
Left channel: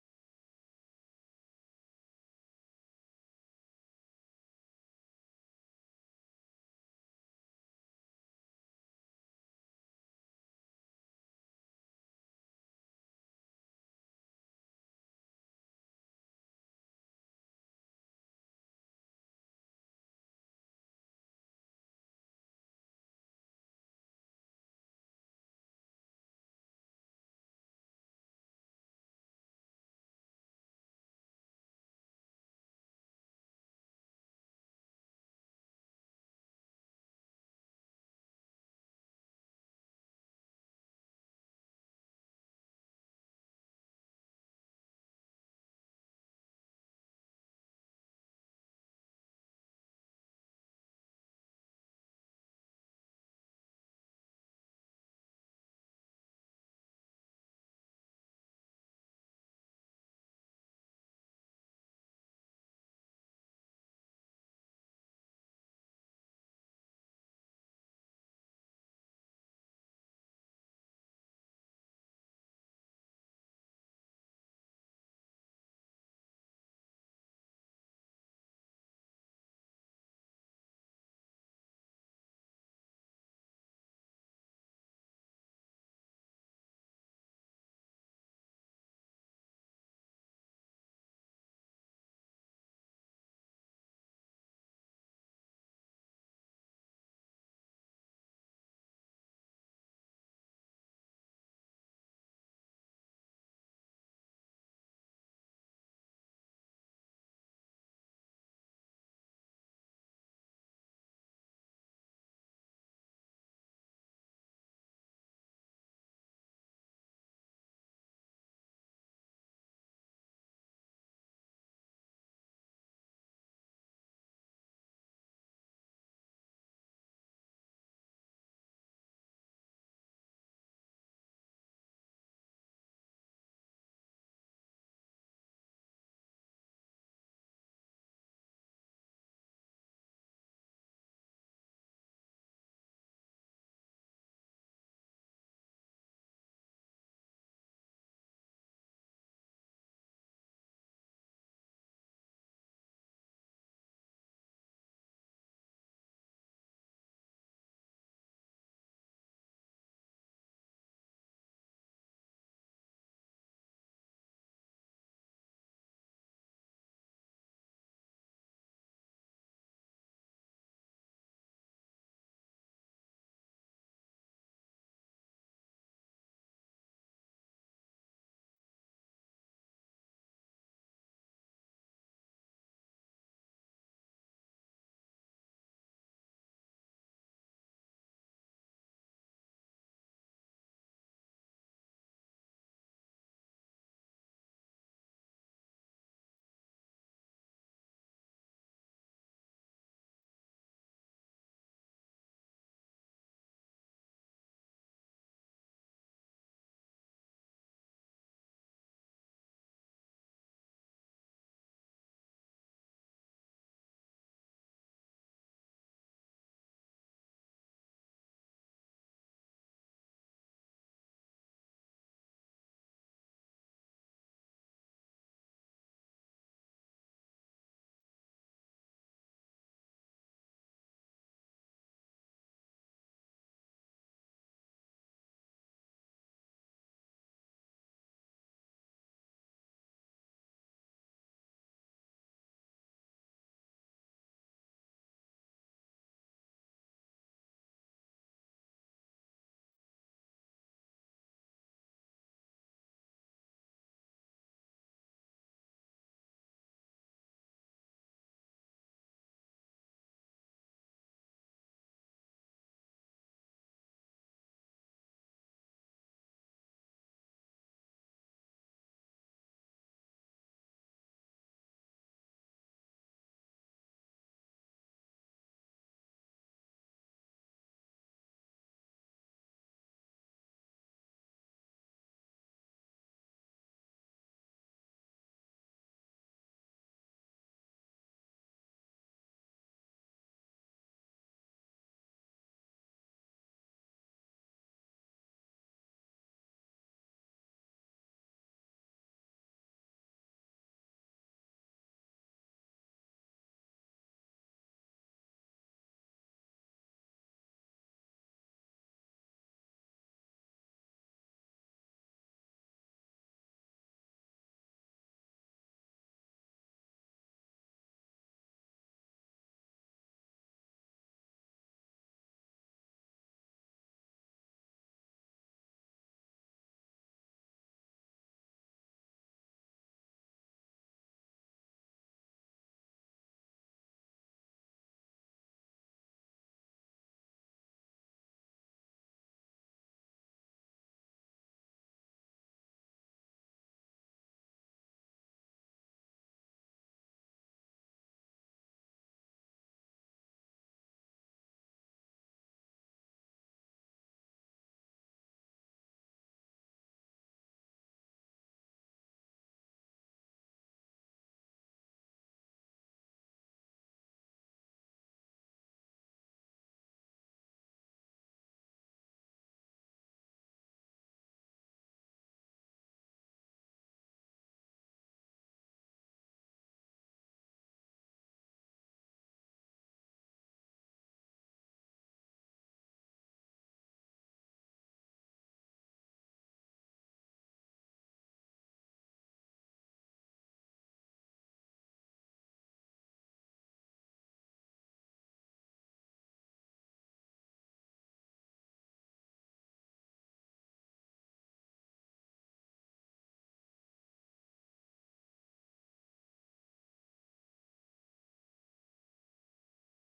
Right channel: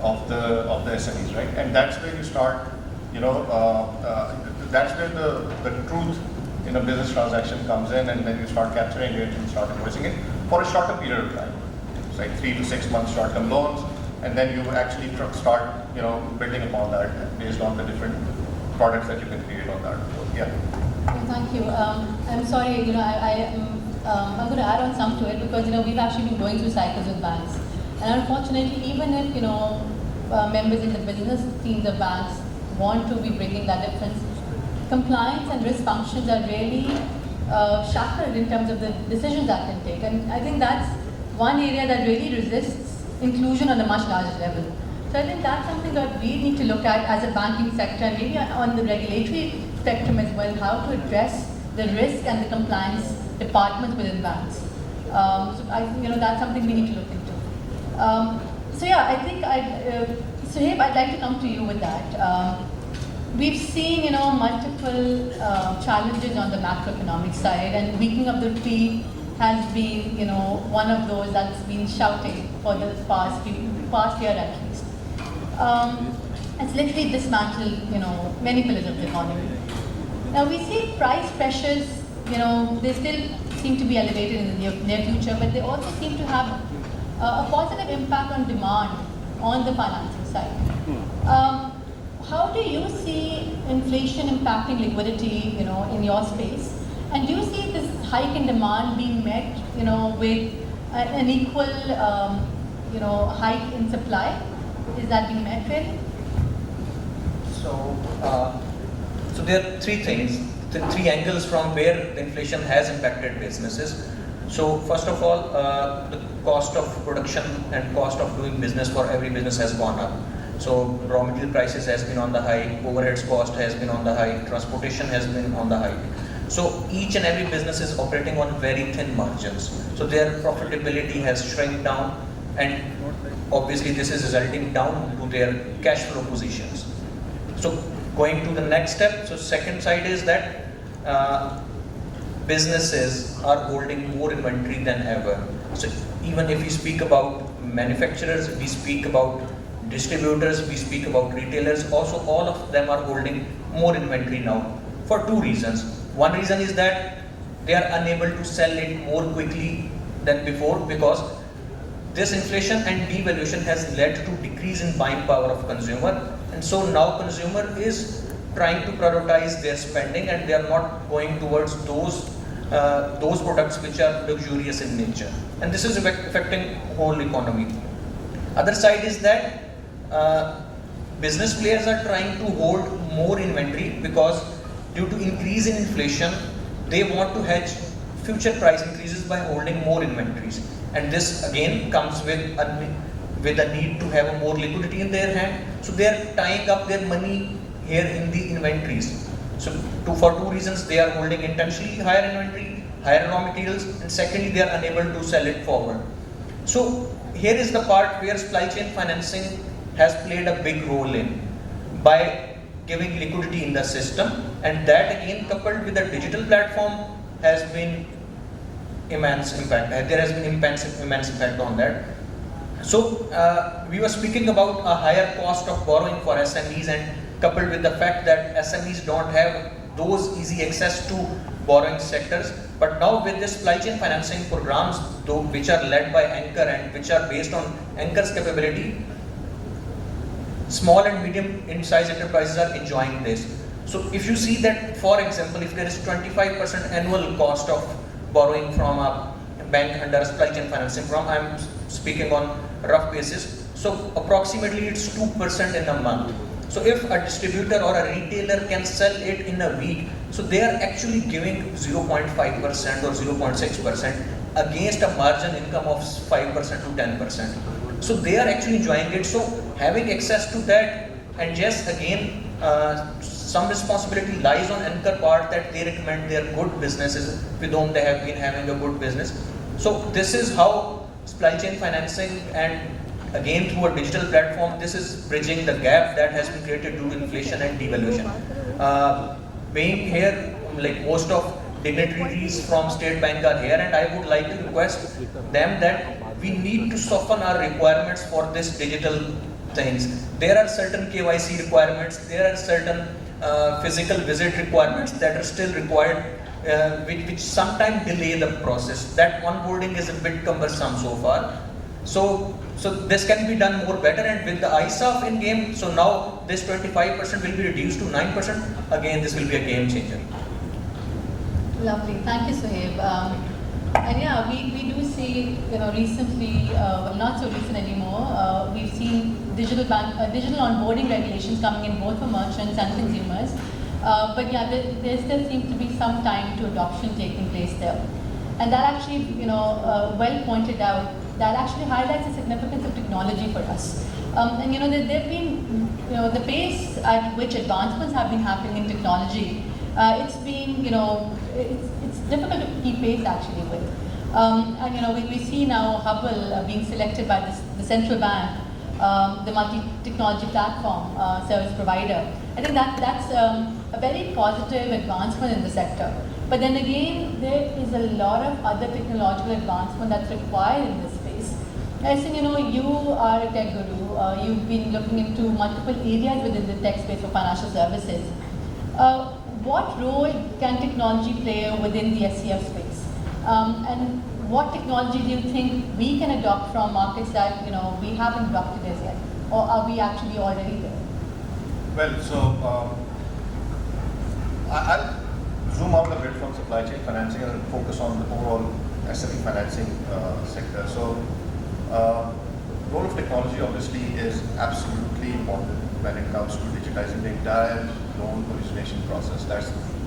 of the SMEs, right? And that's where you start, that's where the truth in a business transaction comes in, and then you start capturing it and start invoicing it for a shorter period of time. It's like 3 to 6 months short-term loans, and then you actually start, building upon that based on the different products that you can create on that. So, yeah. Thank you. I'm sorry, I'm going to add on some to it because, we've actually been going through cycles with banks. And unfortunately, even if, members in the business teams of banks want to be bringing that difference, compliance and risk functions are really shackled in terms of the decisions that can take. And I think that's one area that really resists inclusion on a much larger level. So I think that's something that we need to look at as a banking sector and maybe on the regulatory spectrum as well, how to address the risk and the compliance departments within banks. So I think, that's something we need to look into. So yeah, I think Sohaib, I'd like to come to you with that. We've seen, multiple challenges on the macroeconomic side, and weakening of the rupee has been, one of those that's been shouting for the past year at least. It's literally dismantled, many pillars of the economy. Now we see price pressures, they still seem to be elevated in the near future, but they also seem to have a positive impact on demand on the financing side. how do you see inflation impacting liquidity, in your space? And do you see this hike in demand being met, with an equal, hike in supply? Is that being met really? So there are three things, three angles from where inflation has impacted businesses. So first of all, the cost of production and cost of doing business for every business has gone up. So raw material prices has been on the hike, overheads cost has been on the hike, transportation has been on the hike. So each and every business is operating on very thin margins. So their profitability has shrunk down, and obviously this is resulting down to their cash flow positions. So going to the next step, so second side is that businesses are holding more inventory than ever. So even if we speak about manufacturers, we speak about distributors, we speak about retailers, also all of them are holding more inventory now for two reasons. One reason is that they are unable to sell it more quickly than before, because this inflation and devaluation has led to decrease in buying power of consumer, and so now consumer is trying to prioritize their spending and they are not going towards those products which are luxurious in nature, and this is affecting whole economy. Other side is that business players are trying to hold more inventory because due to increase in inflation, they want to hedge future price increases by holding more inventories, and this again comes with a need to have a more liquidity in their hand. So they are tying up their money here in the inventories. So for two reasons, they are holding intentionally higher inventory, higher raw materials, and secondly they are unable to sell it forward. So here is the part where supply chain financing has played a big role in, by giving liquidity in the system, and that again coupled with a digital platform has been immense impact. There has been immense impact on that. So we were speaking about a higher cost of borrowing for SMEs, and coupled with the fact that SMEs don't have those easy access to borrowing sectors. But now with this supply chain financing programs, though, which are led by Anchor and which are based on Anchor's capability, small and medium in size enterprises are enjoying this. So if you see that, for example, if there is 25% annual cost of borrowing from a bank under a supply chain financing program, I'm speaking on rough basis, so approximately it's 2% in a month. So if a distributor or a retailer can sell it in a week, so they are actually giving 0.5% or 0.6% against a margin income of 5% to 10%. So they are actually enjoying it. So having access to that, and just again, some responsibility lies on Anchor part that they recommend their good businesses with whom they have been having a good business. So this is how supply chain financing, and again through a digital platform, this is bridging the gap that has been created due to inflation and devaluation. Being here, like most of dignitaries from State Bank are here, and I would like to request them that we need to soften our requirements for this digital things. There are certain KYC requirements, there are certain physical visit requirements that are still required, which sometimes delay the process. That onboarding is a bit cumbersome so far. So this can be done more better, and with the ISAF in game, so now this 25% will be reduced to 9%. Again, this will be a game changer. Lovely, thank you, Sohaib. And yeah, we do see, recently, well, not so recent anymore, we've seen digital onboarding regulations coming in both for merchants and consumers. But yeah, there still seems to be some time to adoption taking place there. And that actually, well pointed out, that actually highlights the significance of technology for us. And there have been, the pace at which advancements have been happening in technology, it's been, it's difficult to keep pace actually with. And we see now Haball being selected by the central bank, the multi-technology platform service provider. I think that's a very positive advancement in the sector. But then again, there is a lot of other technological advancement that's required in this space. I think, you are a tech guru. You've been looking into multiple areas within the tech space for financial services. What role can technology play within the SCF space? And what technology do you think we can adopt from markets that we haven't adopted as yet? Or are we actually already there? Well, so I'll zoom out a bit from supply chain financing and focus on the overall SME financing sector. So, role of technology obviously is absolutely important when it comes to digitizing the entire loan origination process.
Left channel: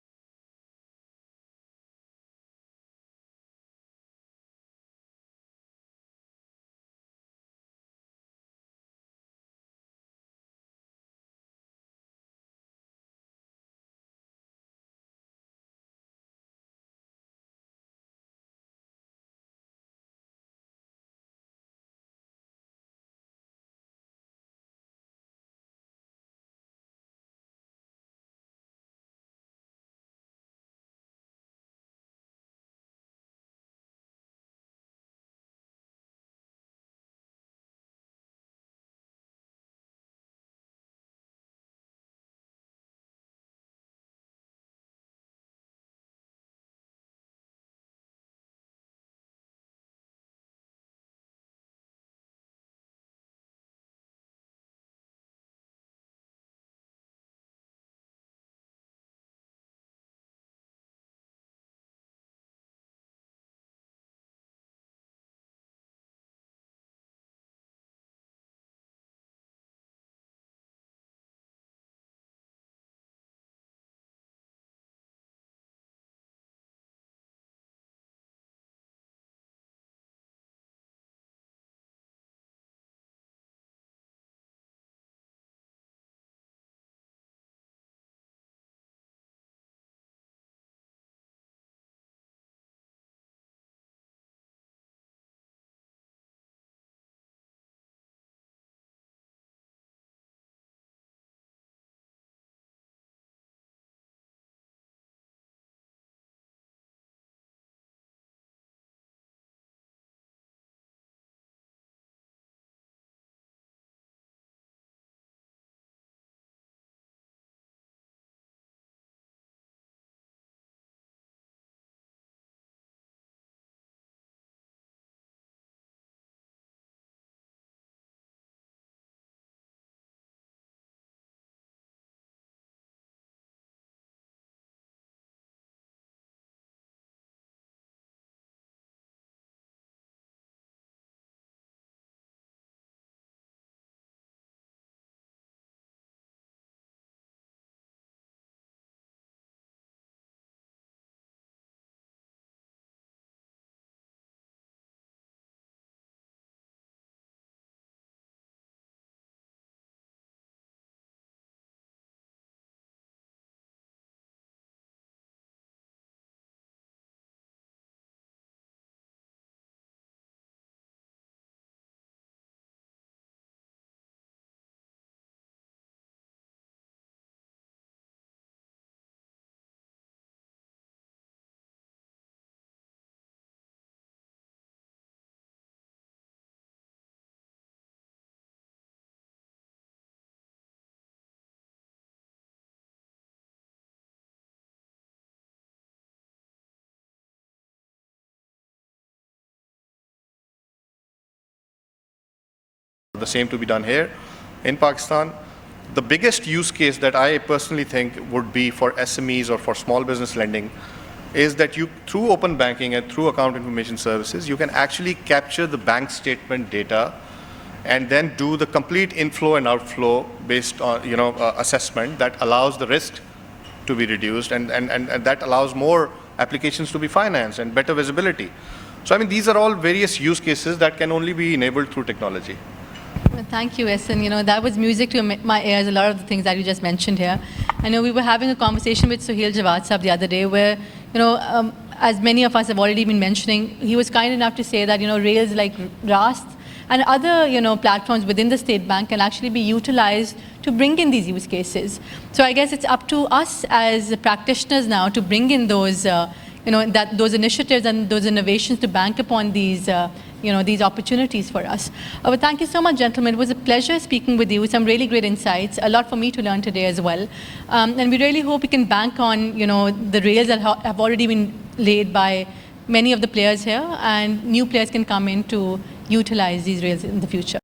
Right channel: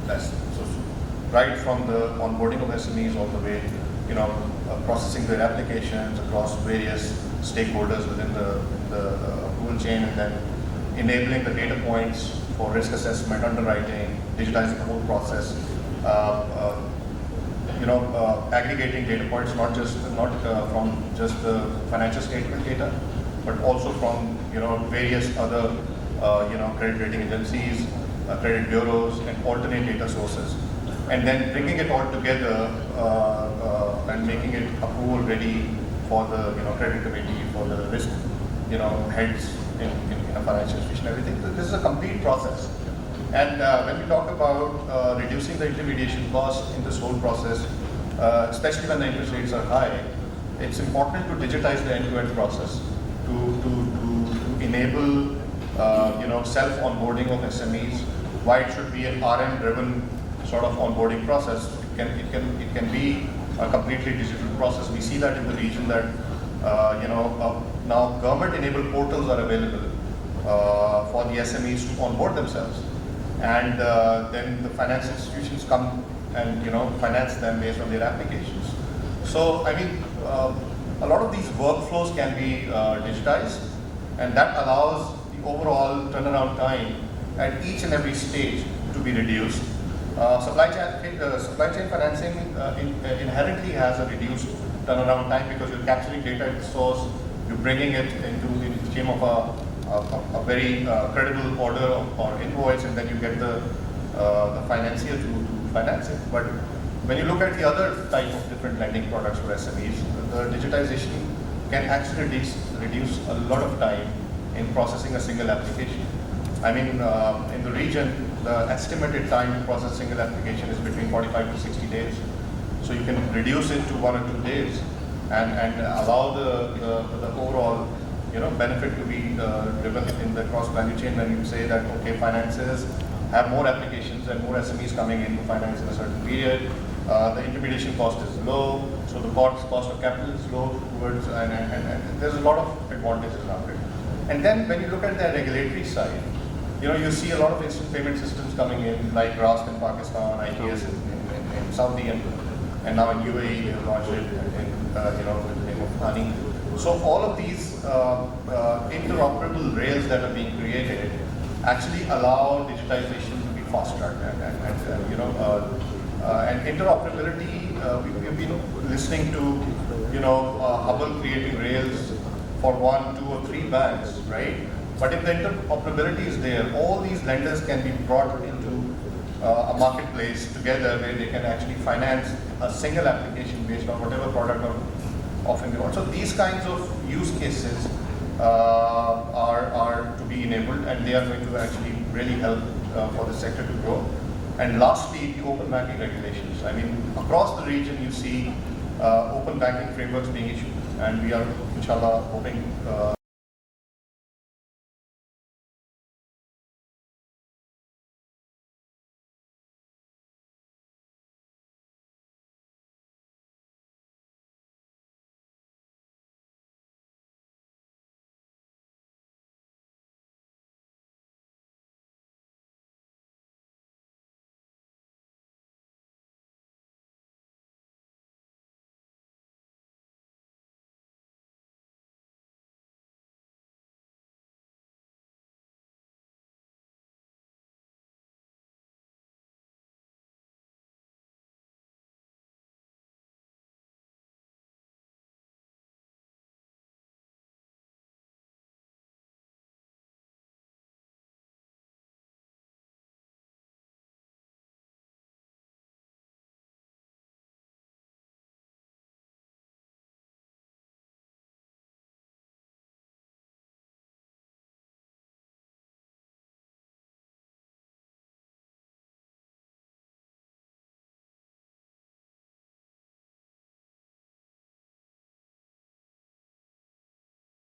That's so right from the onboarding of SMEs all the way, processing their applications across various stakeholders within the approval chain, and then enabling the data points for risk assessment, underwriting, digitizing the whole process. Aggregating data points not from just the financial statement data, but also from various other credit rating agencies, credit bureaus, and alternate data sources, and then bringing it all together and making it approval ready for the credit committee, for the risk heads in a financial institution. Everything. This is a complete process. And when we talk about reducing the intermediation cost in this whole process, especially when the interest rates are high, it's important to digitize the end-to-end process to enable self-onboarding of SMEs. Why it should be an RM-driven sort of onboarding process? It can be a completely digital process. We see that in the region that now government-enabled portals are available for the SMEs to onboard themselves, and then the finance institutions come and finance them based on their applications. So I mean, a lot of these workflows can be digitized, and that allows the overall turnaround time at each and every stage to be reduced. Supply chain financing inherently has a reduced turnaround time because you're capturing data at the source, you're bringing it into the stream of a very credible order or invoice, and then you get the financier to finance it. But when you look at the other type of different lending products for SMEs, the digitization can actually reduce a lot of time in processing a single application. I mean, in the region, the estimated time to process a single application is between 45 to 60 days. So you can reduce it to 1 or 2 days and allow the overall benefit to be driven in the cross value chain. When you say that, okay, finances have more applications and more SMEs coming in to finance in a certain period, the intermediation cost is low, so the cost of capital is low towards, and there's a lot of advantages around it. And then when you look at the regulatory side, you see a lot of instant payment systems coming in, like RAST in Pakistan, ITS in Saudi, and now in UAE they have launched it with the name of Honey. So all of these interoperable rails that are being created actually allow digitization to be fast-tracked, and interoperability. We've been listening to Haball creating rails for 1, 2, or 3 banks, right? But if the interoperability is there, all these lenders can be brought into a marketplace together where they can actually finance a single application based on whatever product or offering they want. So these kinds of use cases are to be enabled, and they are going to actually really help for the sector to grow. And lastly, the open banking regulations. I mean, across the region, you see open banking frameworks being issued, and we are, inshallah, hoping the same to be done here in Pakistan. The biggest use case that I personally think would be for SMEs or for small business lending is that you, through open banking and through account information services, you can actually capture the bank statement data and then do the complete inflow and outflow based on assessment that allows the risk to be reduced, and that allows more applications to be financed and better visibility. So I mean, these are all various use cases that can only be enabled through technology. Thank you, Ahsan. That was music to my ears, a lot of the things that you just mentioned here. I know we were having a conversation with Sohaib Safdar the other day where, as many of us have already been mentioning, he was kind enough to say that, rails like RAST and other, platforms within the state bank can actually be utilized to bring in these use cases. So I guess it's up to us as practitioners now to bring in those, those initiatives and those innovations to bank upon these, these opportunities for us. But thank you so much, gentlemen. It was a pleasure speaking with you. Some really great insights. A lot for me to learn today as well. And we really hope we can bank on, the rails that have already been laid by many of the players here, and new players can come in to utilize these rails in the future.